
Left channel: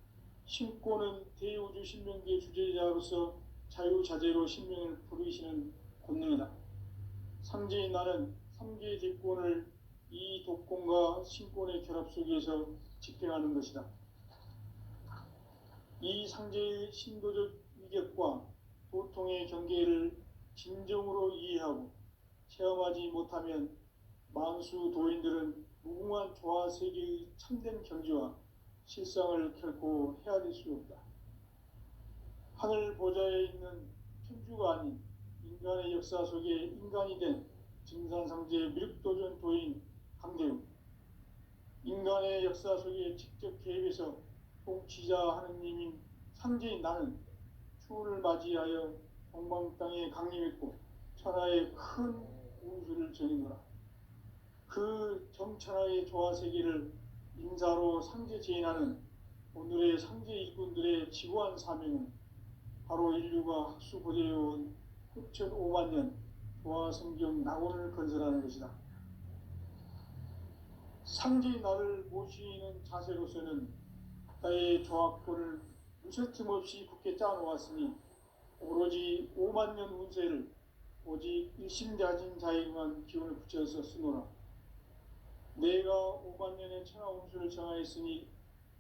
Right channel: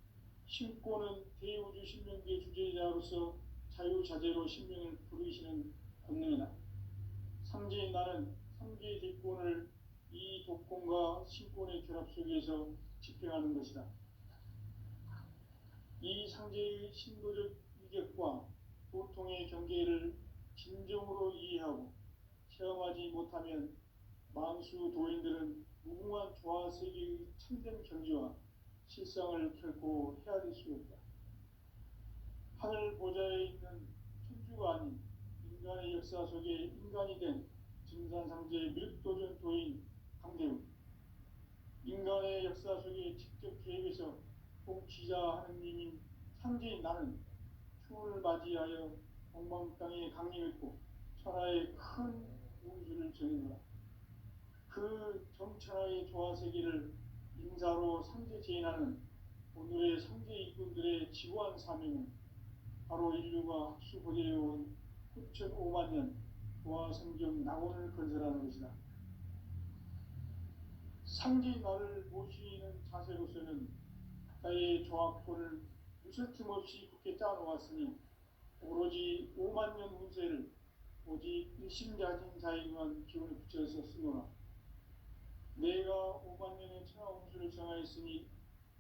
신곤은 대우주 신명기의 주제자로서 자유자재로 신명을 부르시는 권능이다. 상제인 나는 3개의 뒷권을 이 독권과 신권의 결합 속에서 집행하는 것이다. 이 상제의 신도적 위격과 보통의 경계를 진정으로 이해하고 체험하지 못하면 만수 도인들은 무궁한 조화세계의 참된 경지와 실상을 결코 헤아릴 수 없다. 하늘 보좌에 있는 천주가 아닌 인간의 역사 속에 인간이 된 증산상제의 미륵도전 도인 강대우, 인간의 역사 속에 직접 개입해서 통치자 하느님인 상제인 나는 추운을 맞이하여 동방 땅에 강림했고 천하의 큰 운수를 전해노라. 그 정천하의 조화세계를 인사로 상제 제인하는 오늘의 상제 일꾼들의 지구한 사명은 바로 인류가 학수고대해온 9,500만 년 조화성경 낙원을 건설하는 것이다. 상제인 나를 모시는 자세로서는 나의 조합권을 무설틈 없이 굳게 짜놓았으니 오로지 5만 년 운세를 오직 일심자진 자에게만 기운을 붙여서 쓰노라. 내가 5만 년의 천하 운수를 정하였으니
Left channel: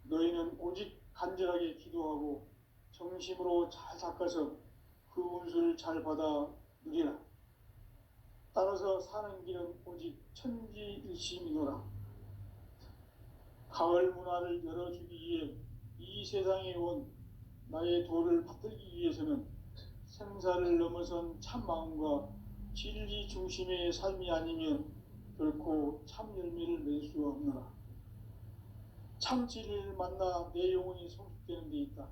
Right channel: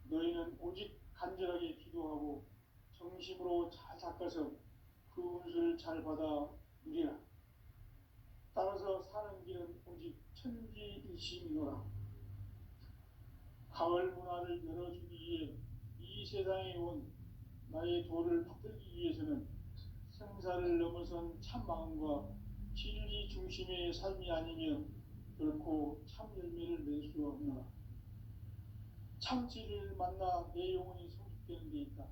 너희는 오직 간절하게 기도하고 정심으로 잘 닦아서 그 운수를 잘 받아 누리라. 따라서 사는 길은 오직 천지일심이노라. 가을 문화를 열어주기 위해 이 세상에 온 나의 도를 받들기 위해서는 생사를 넘어선 참 마음과 진리 중심의 삶이 아니면 결코 참 열매를 맺을 수가 없노라. 참 진리를 만나 내 영혼이 성숙되는 데 있다.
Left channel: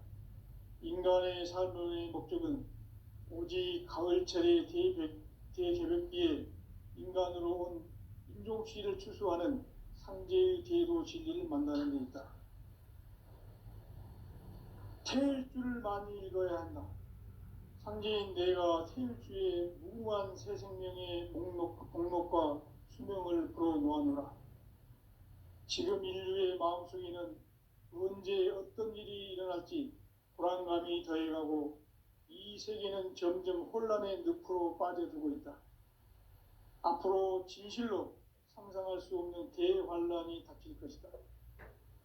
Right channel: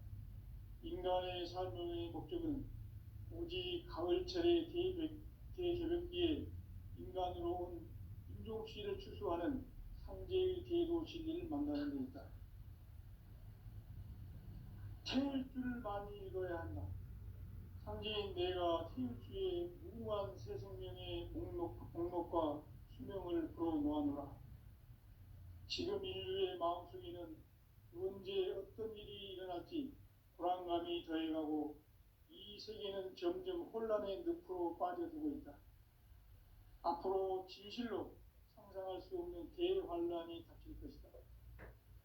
인간의 삶의 목적은 오직 가을철의 대개벽기에 인간으로 온 인종씨를 추수하는 상제의 대도 진리를 만나는 데 있다. 태일주를 많이 읽어야 한다. 상제인 내가 태일주의 무궁한 새 생명의 목록과 수명을 불어놓아노라. 지금 인류의 마음속에는 언제 어떤 일이 일어날지 불안감이 더해가고 이 세계는 점점 혼란의 늪으로 빠져들고 있다. 앞으로 진실로 상상할 수 없는 대환란이 닥칠 것이다.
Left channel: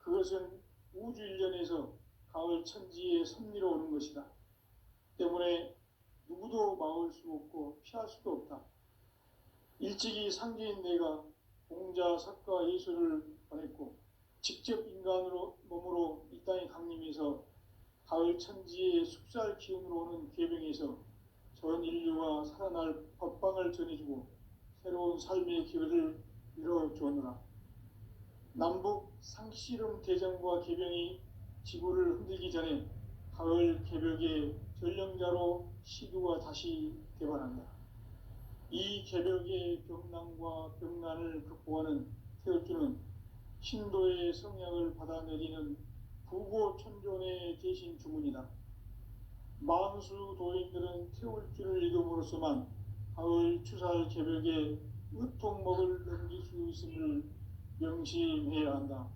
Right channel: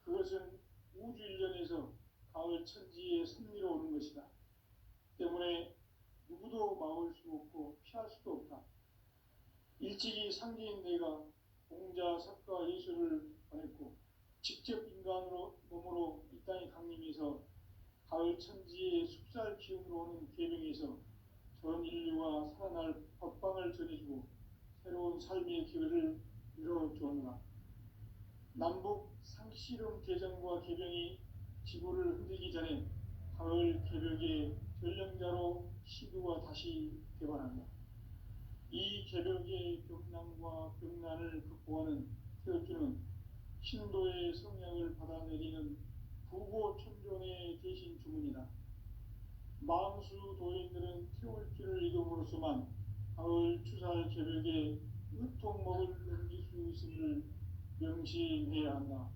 그것은 우주 일련에서 가을 천지에 섭리로 오는 것이다. 때문에 누구도 막을 수 없고 피할 수도 없다. 일찍이 상제인 내가 공자, 석가, 예수를 보냈고 직접 인간으로 몸으로 이 땅에 강림해서 가을 천지의 숙살 기운으로 오는 궤병에서 전 인류가 살아날 법방을 전해주고 새로운 삶의 기회를 이뤄주었노라. 남북 상씨름 대전과 개병이 지구를 흔들기 전에 가을 개벽의 전령자로 시두가 다시 개발한다. 이 개벽의 병난과 병난을 극복하는 태울주는 신도의 성향을 받아내리는 부고천존의 대신 주문이다. 만수 도인들은 태울주를 읽음으로써만 가을 추살 개벽의 으통목을 넘길 수 있음을 명심해야 한다.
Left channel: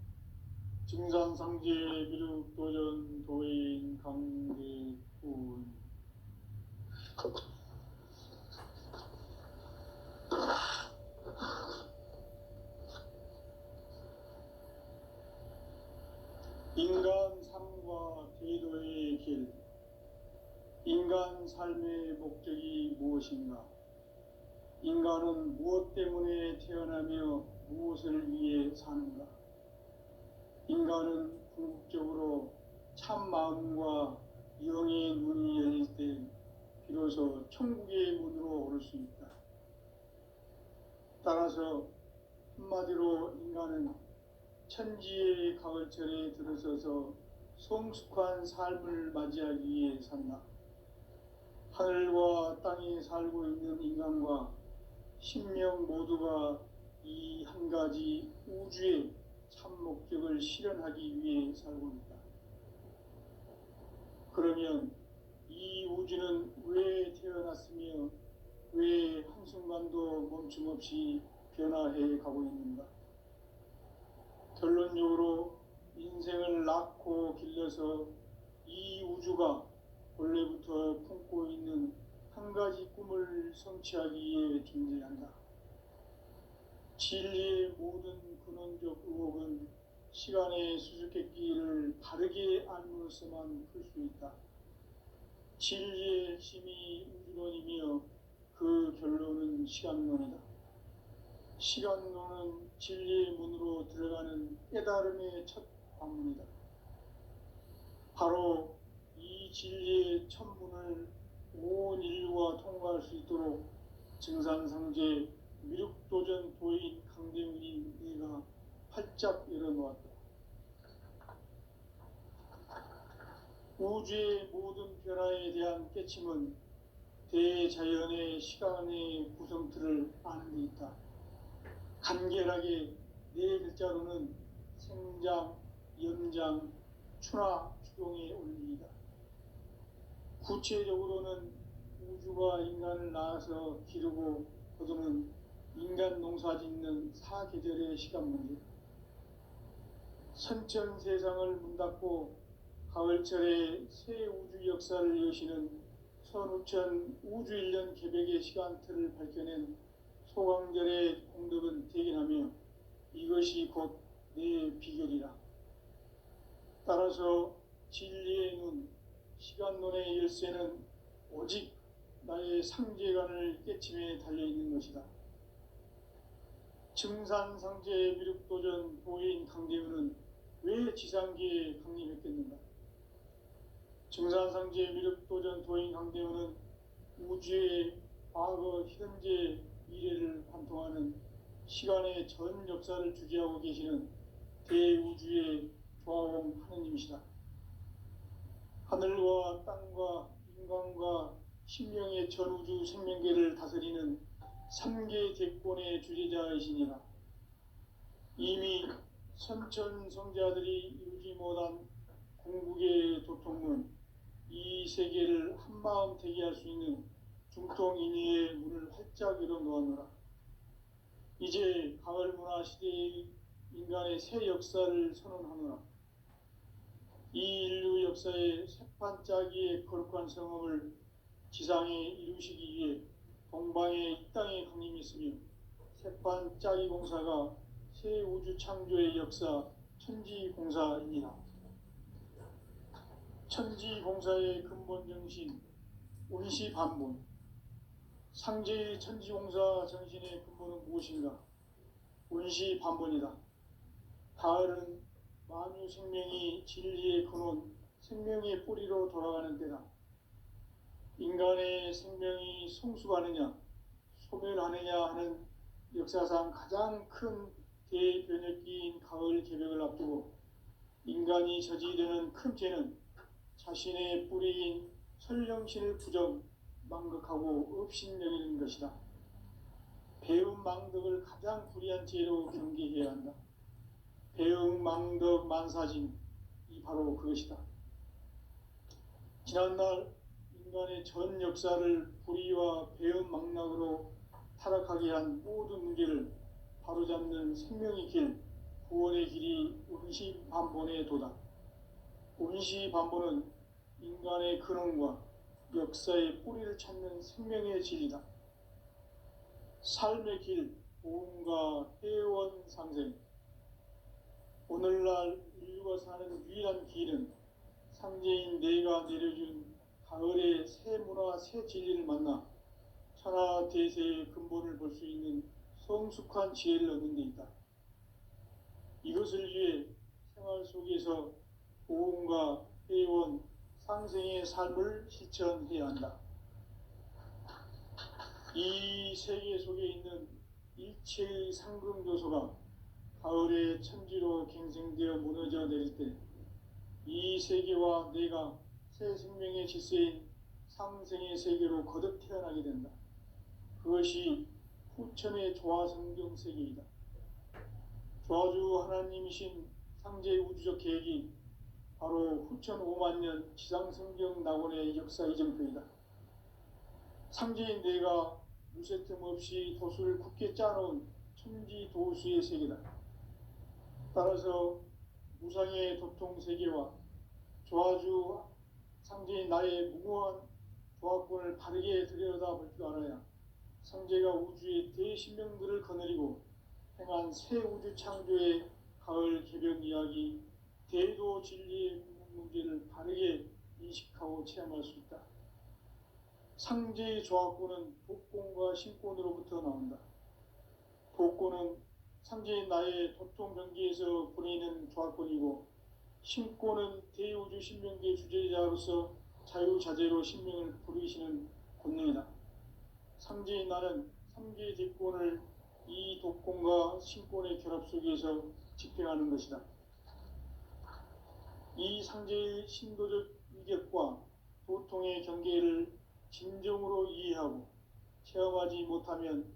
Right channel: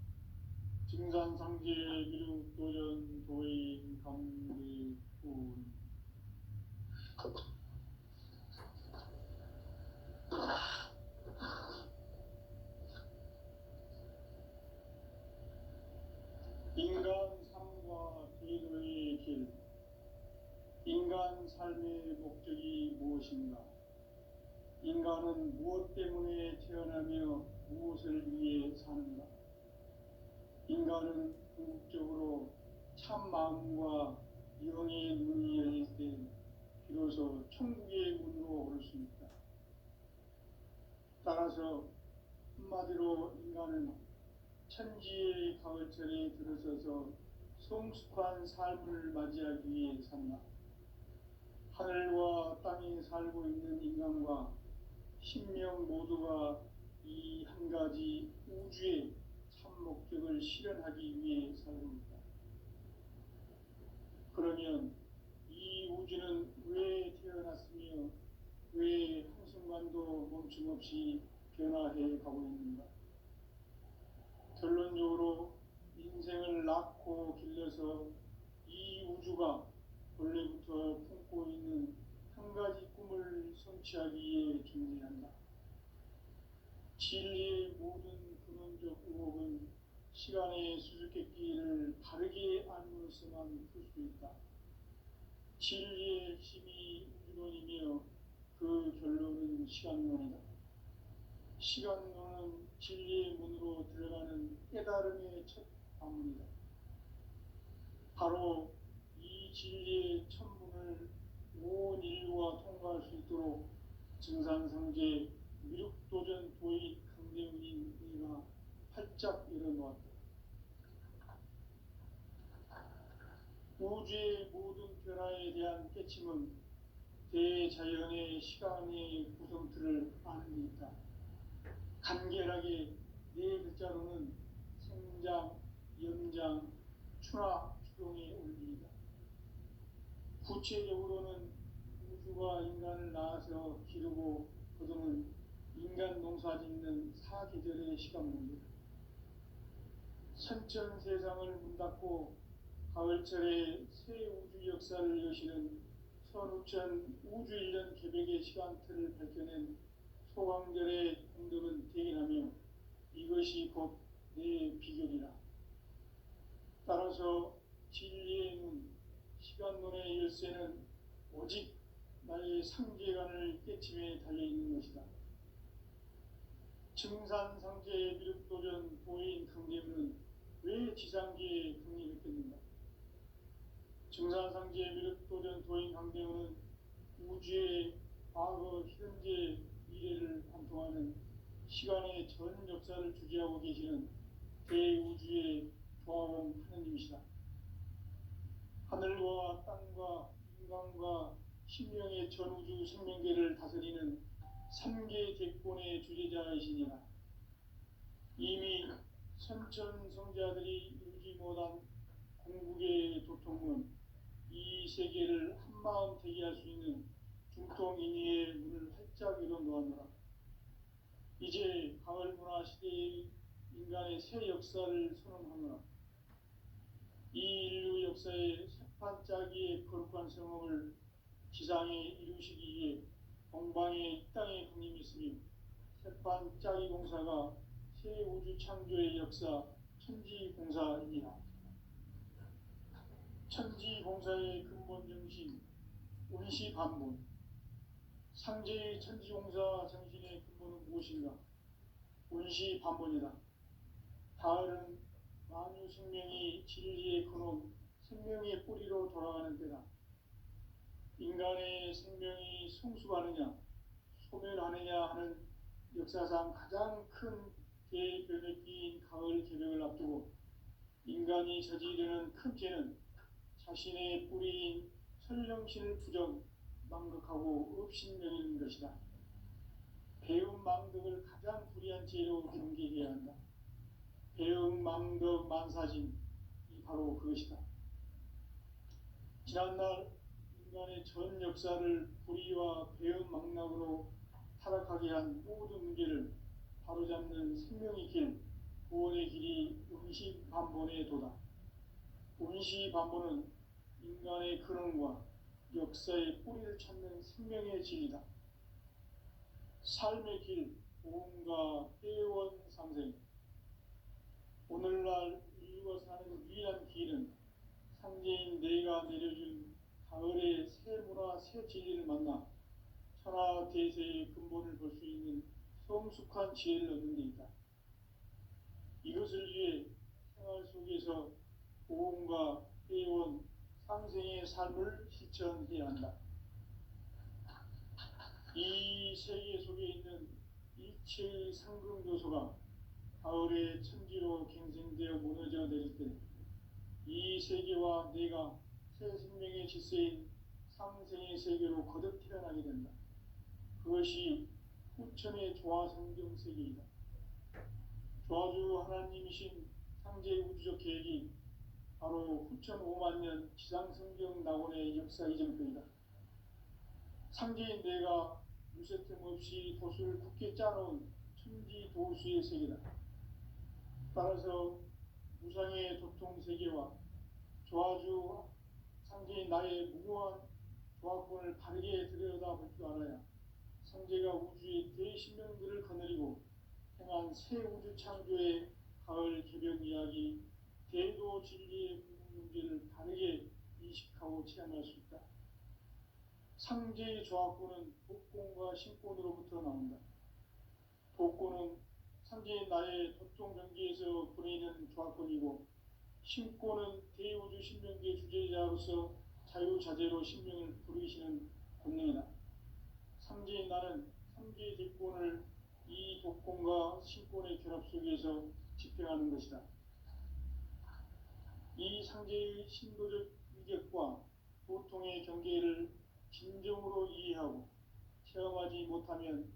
증산상제 미륵도전 도인 강대군. 인간 삶과 대도의 길. 인간 삶의 목적이 무엇인가? 인간은 무엇 때문에 태어나며 무엇을 위해 사는가? 인간은 궁극적으로 참 마음과 영의 문이 열릴 때 비로소 천국의 문으로 오를 수 있다. 따라서 한마디로 인간은 천지의 가을철에 들어서서 성숙한 삶을 맞이하기 위해 산다. 하늘과 땅에 살고 있는 인간과 신명 모두가 이 한 가지 우주의 참 목적을 실현하기 위해 살고 있다. 그러면 이 우주는 왜 태어났으며 왜 한순간도 멈춤 없이 변화해 가고 있는가? 결론적으로 인생을 낳고 길러서 이 우주가 본래부터 품고 있는 한 가지 꿈을 성취하기 위해 존재한다. 진리의 모든 근원적 의혹은 시간의 수수께끼를 바르게 알므로써만 풀 수 있다. 진리의 핵심이 우주론이며 그 결론은 시간론이다. 시간론은 진리의 문으로 들어가는 깨달음의 첫 관문이다. 바로 이 진리의 첫 문을 온 인류가 통과할 수 있도록 증산상제 미륵도전 도인 강대훈인 내가 활짝 열어놓았다. 우주의 모든 변화에 대한 깨침은 대자연의 시간의 구성틀을 아는 데 있다. 간결하게 네 글자로는 생장, 연장, 추나 추동의 원리이다. 구체적으로는 우주가 인간을 낳아서 기르고 거두는 인간 농사 짓는 사계절의 시간 문제. 선천 세상을 문 닫고 가을철에 새 우주 역사를 여시는 선우천 우주 1년 개백의 시간틀을 밝혀낸 소강절의 공덕은 대견하며 이것이 곧 내 비결이라. 따라서 진리의 눈, 시간론의 열쇠는 오직 나의 상제관을 깨침에 달려있는 것이다. 증산상제 미륵도전 도인 강대훈은 왜 지상계에 강림했겠는가? 증산상제 미륵도전 도인 강대훈은 우주의 과거, 현재, 미래를 관통하는 시간의 전 역사를 주재하고 계시는 대우주의 조화공 하느님이시다. 하늘과 땅과 인간과 신명의 전우주 생명계를 다스리는 3계 대권의 주재자이시니라. 이미 선천성자들이 이루지 못한 궁극의 도통문, 이 세계를 한마음 되게 할 수 있는 중통인의의 문을 활짝 열어놓았노라. 이제 가을 문화 시대의 인간의 새 역사를 선언하노라. 이 인류 역사의 새판짜기의 거룩한 성험을 지상에 이루시기 위해 동방의 이 땅에 강림했으며 새판짜기 공사가 새 우주 창조의 역사 천지공사이니라. 천지공사의 근본 정신 운시반문. 상제의 천지공사 정신의 근본은 무엇인가? 운시반문이다. 가을은 만유 생명이 진리의 근원, 생명의 뿌리로 돌아가는 때다. 인간의 생명이 성숙하느냐, 소멸하느냐 하는 역사상 가장 큰 대변혁기인 가을 개벽을 앞두고 인간이 저지르는 큰 죄는 자신의 뿌리인 설령신을 부정, 망극하고 업신여기는 것이다. 배움 망덕을 가장 불의한 죄로 경계해야 한다. 배움 망덕 만사진, 이 바로 그것이다. 지난날 인간의 전 역사를 불의와 배움 망락으로 타락하게 한 모든 문제를 바로잡는 생명의 길, 구원의 길이 운시반본의 도다. 운시반본은 인간의 근원과 역사의 뿌리를 찾는 생명의 진리다. 삶의 길, 보험과 회원 상생. 오늘날 인류가 사는 유일한 길은 상제인 내가 내려준 가을의 새 문화, 새 진리를 만나 천하 대세의 근본을 볼 수 있는 성숙한 지혜를 얻는 데 있다. 이것을 위해 생활 속에서 보험과 회원, 상생의 삶을 실천해야 한다. 이 세계 속에 있는 일체의 상금 요소가 가을의 천지로 갱생되어 무너져 내릴 때 이 세계와 내가 새 생명의 질서인 상생의 세계로 거듭 태어나게 된다. 그것이 후천의 조화성경 세계이다. 조화주 하나님이신 상제의 우주적 계획이 바로 후천 5만 년 지상성경 낙원의 역사 이정표이다. 상제인 내가 무쇠틈 없이 돛을 굳게 짜놓은 천지 도수의 세계다. 따라서 무상의 도통 세계와 조화주 상제인 나의 무궁한 조합권을 바르게 들여다볼 줄 알아야 상제가 우주의 대신명들을 거느리고 행한 새 우주 창조의 가을 개벽 이야기, 대도 진리의 문제를 바르게 인식하고 체험할 수 있다. 상제의 조합권은 독권과 신권으로부터 나온다. 독권은 상제인 나의 도통 경계에서 보내는 조합권이고, 신권은 대우주 신명계 주제자로서 자유자재로 신명을 부르시는 권능이다. 상제인 나는 상제의 대권을 이 독권과 신권의 결합 속에서 집행하는 것이다. 이 상제의 신도적 위격과 도통의 경계를 진정으로 이해하고 체험하지 못하면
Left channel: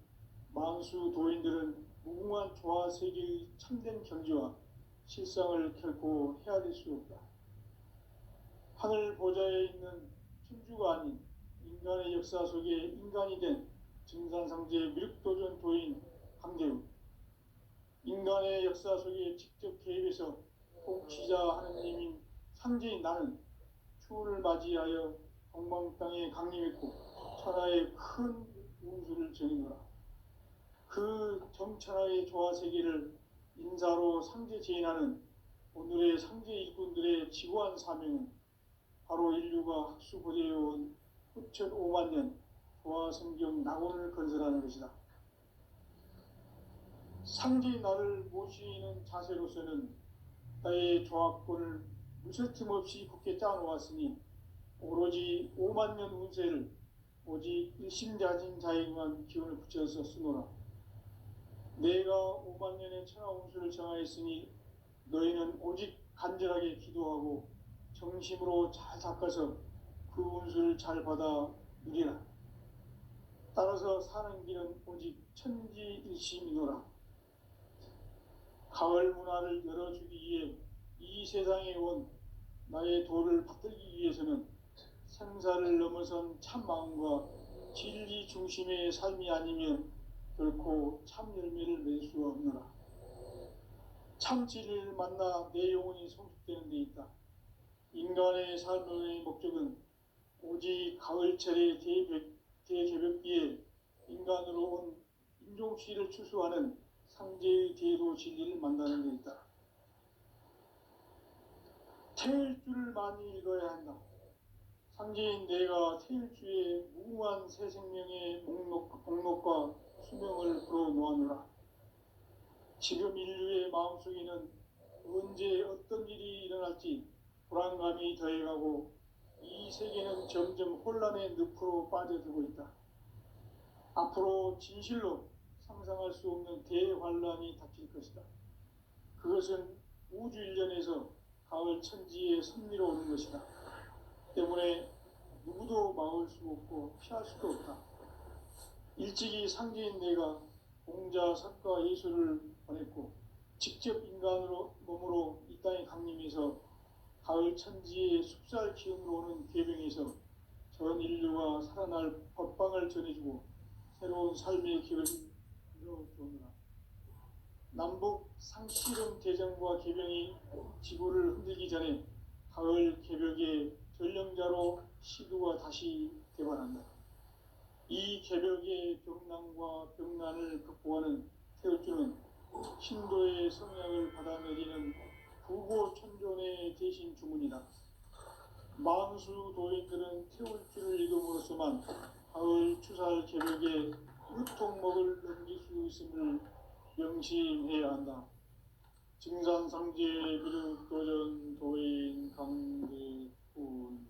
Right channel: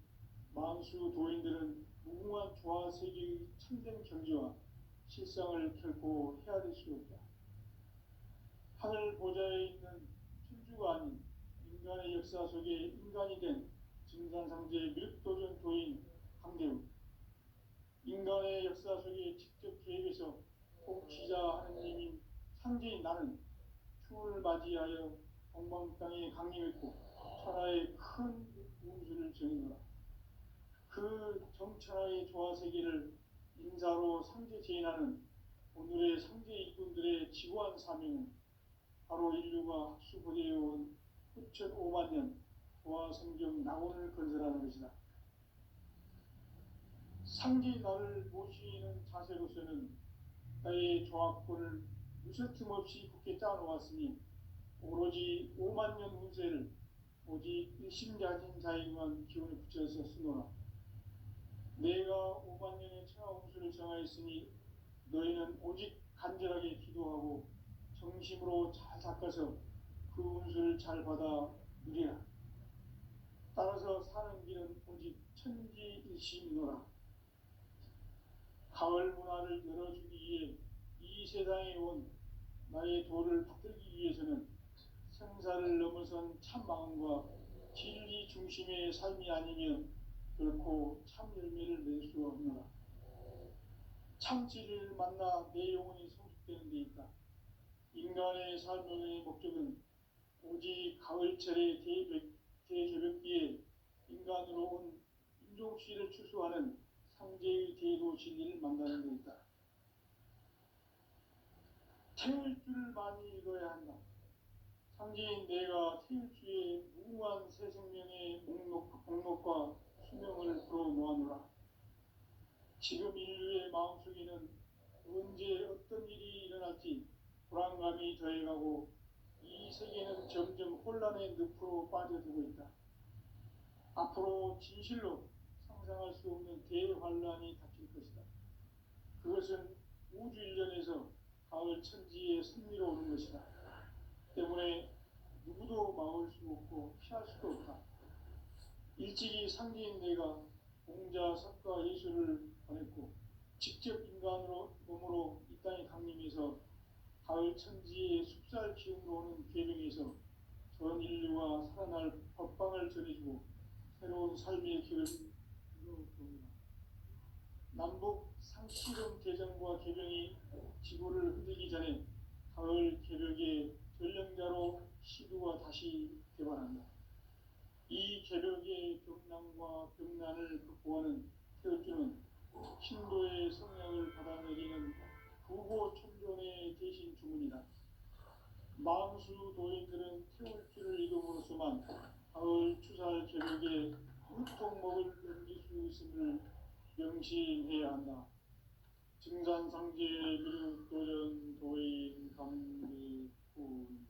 만수 도인들은 무궁한 조화 세계의 참된 경지와 실상을 결코 헤아릴 수 없다. 하늘 보좌에 있는 천주가 아닌 인간의 역사 속에 인간이 된 증산상제 미륵도전 도인 강대우, 인간의 역사 속에 직접 개입해서 통치자 하느님인 상제인 나는 추운을 맞이하여 동방 땅에 강림했고 천하의 큰 운수를 정해노라. 그 정천하의 조화 세계를 인사로 상제 제인하는 오늘의 상제 일꾼들의 지구한 사명은 바로 인류가 학수고대해온 후천 5만 년 조화 성경 낙원을 건설하는 것이다. 상제인 나를 모시는 자세로서는 나의 조합권을 무쇠틈 없이 굳게 짜놓았으니 오로지 5만 년 운세를 오직 일심자진 자에게만 기운을 붙여서 쓰노라. 내가 5만 년의 천하 운수를 정하였으니 너희는 오직 간절하게 기도하고 정심으로 잘 닦아서 그 운수를 잘 받아 누리라. 따라서 사는 길은 오직 천지일심이노라. 가을 문화를 열어주기 위해 이 세상에 온 나의 도를 받들기 위해서는 생사를 넘어선 참 마음과 진리 중심의 삶이 아니면 결코 참 열매를 맺을 수가 없노라. 참 진리를 만나 내 영혼이 성숙되는 데 있다. 인간의 삶의 목적은 오직 가을철의 대개벽기에 인간으로 온 인종시를 추수하는 상제의 대도 진리를 만나는 데 있다. 태일주를 많이 읽어야 한다. 상제인 내가 태일주의 무궁한 새 생명의 목록과 수명을 불어놓아노라. 지금 인류의 마음속에는 언제 어떤 일이 일어날지 불안감이 더해가고 이 세계는 점점 혼란의 늪으로 빠져들고 있다. 앞으로 진실로 상상할 수 없는 대환란이 닥칠 것이다. 그것은 우주 일련에서 가을 천지에 섭리로 오는 것이다. 때문에 누구도 막을 수 없고 피할 수도 없다. 일찍이 상제인 내가 공자, 석가, 예수를 보냈고 직접 인간으로 몸으로 이 땅에 강림해서 가을 천지의 숲살 기운으로 오는 계명에서 전 인류가 살아날 법방을 전해주고 새로운 삶의 길을 이뤄주느라. 남북 상시름 대전과 계명이 지구를 흔들기 전에 가을 개벽의 전령자로 시두가 다시 개발한다. 이 개벽의 병난과 병난을 극복하는 태울주는 신도의 성향을 받아내리는 부고천존의 대신 주문이다. 만수 도인들은 태울주를 읽음으로써만 가을 추살 개벽의 유통목을 넘길 수 있음을 명심해야 한다. 증산상제 미륵도전 도인 강대훈.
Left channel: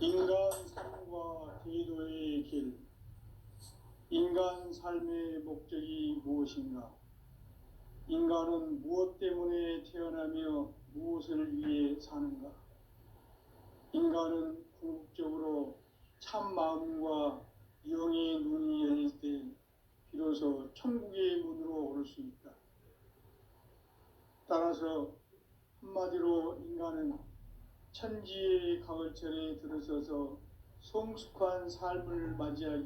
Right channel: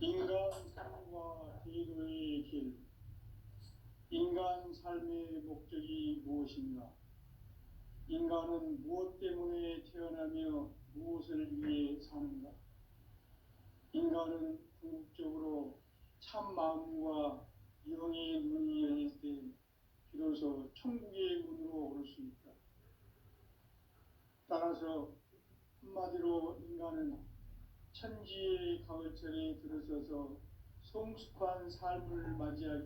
인간 삶과 대도의 길. 인간 삶의 목적이 무엇인가? 인간은 무엇 때문에 태어나며 무엇을 위해 사는가? 인간은 궁극적으로 참 마음과 영의 눈이 열릴 때 비로소 천국의 문으로 오를 수 있다. 따라서 한마디로 인간은 천지의 가을철에 들어서서 성숙한 삶을 맞이하기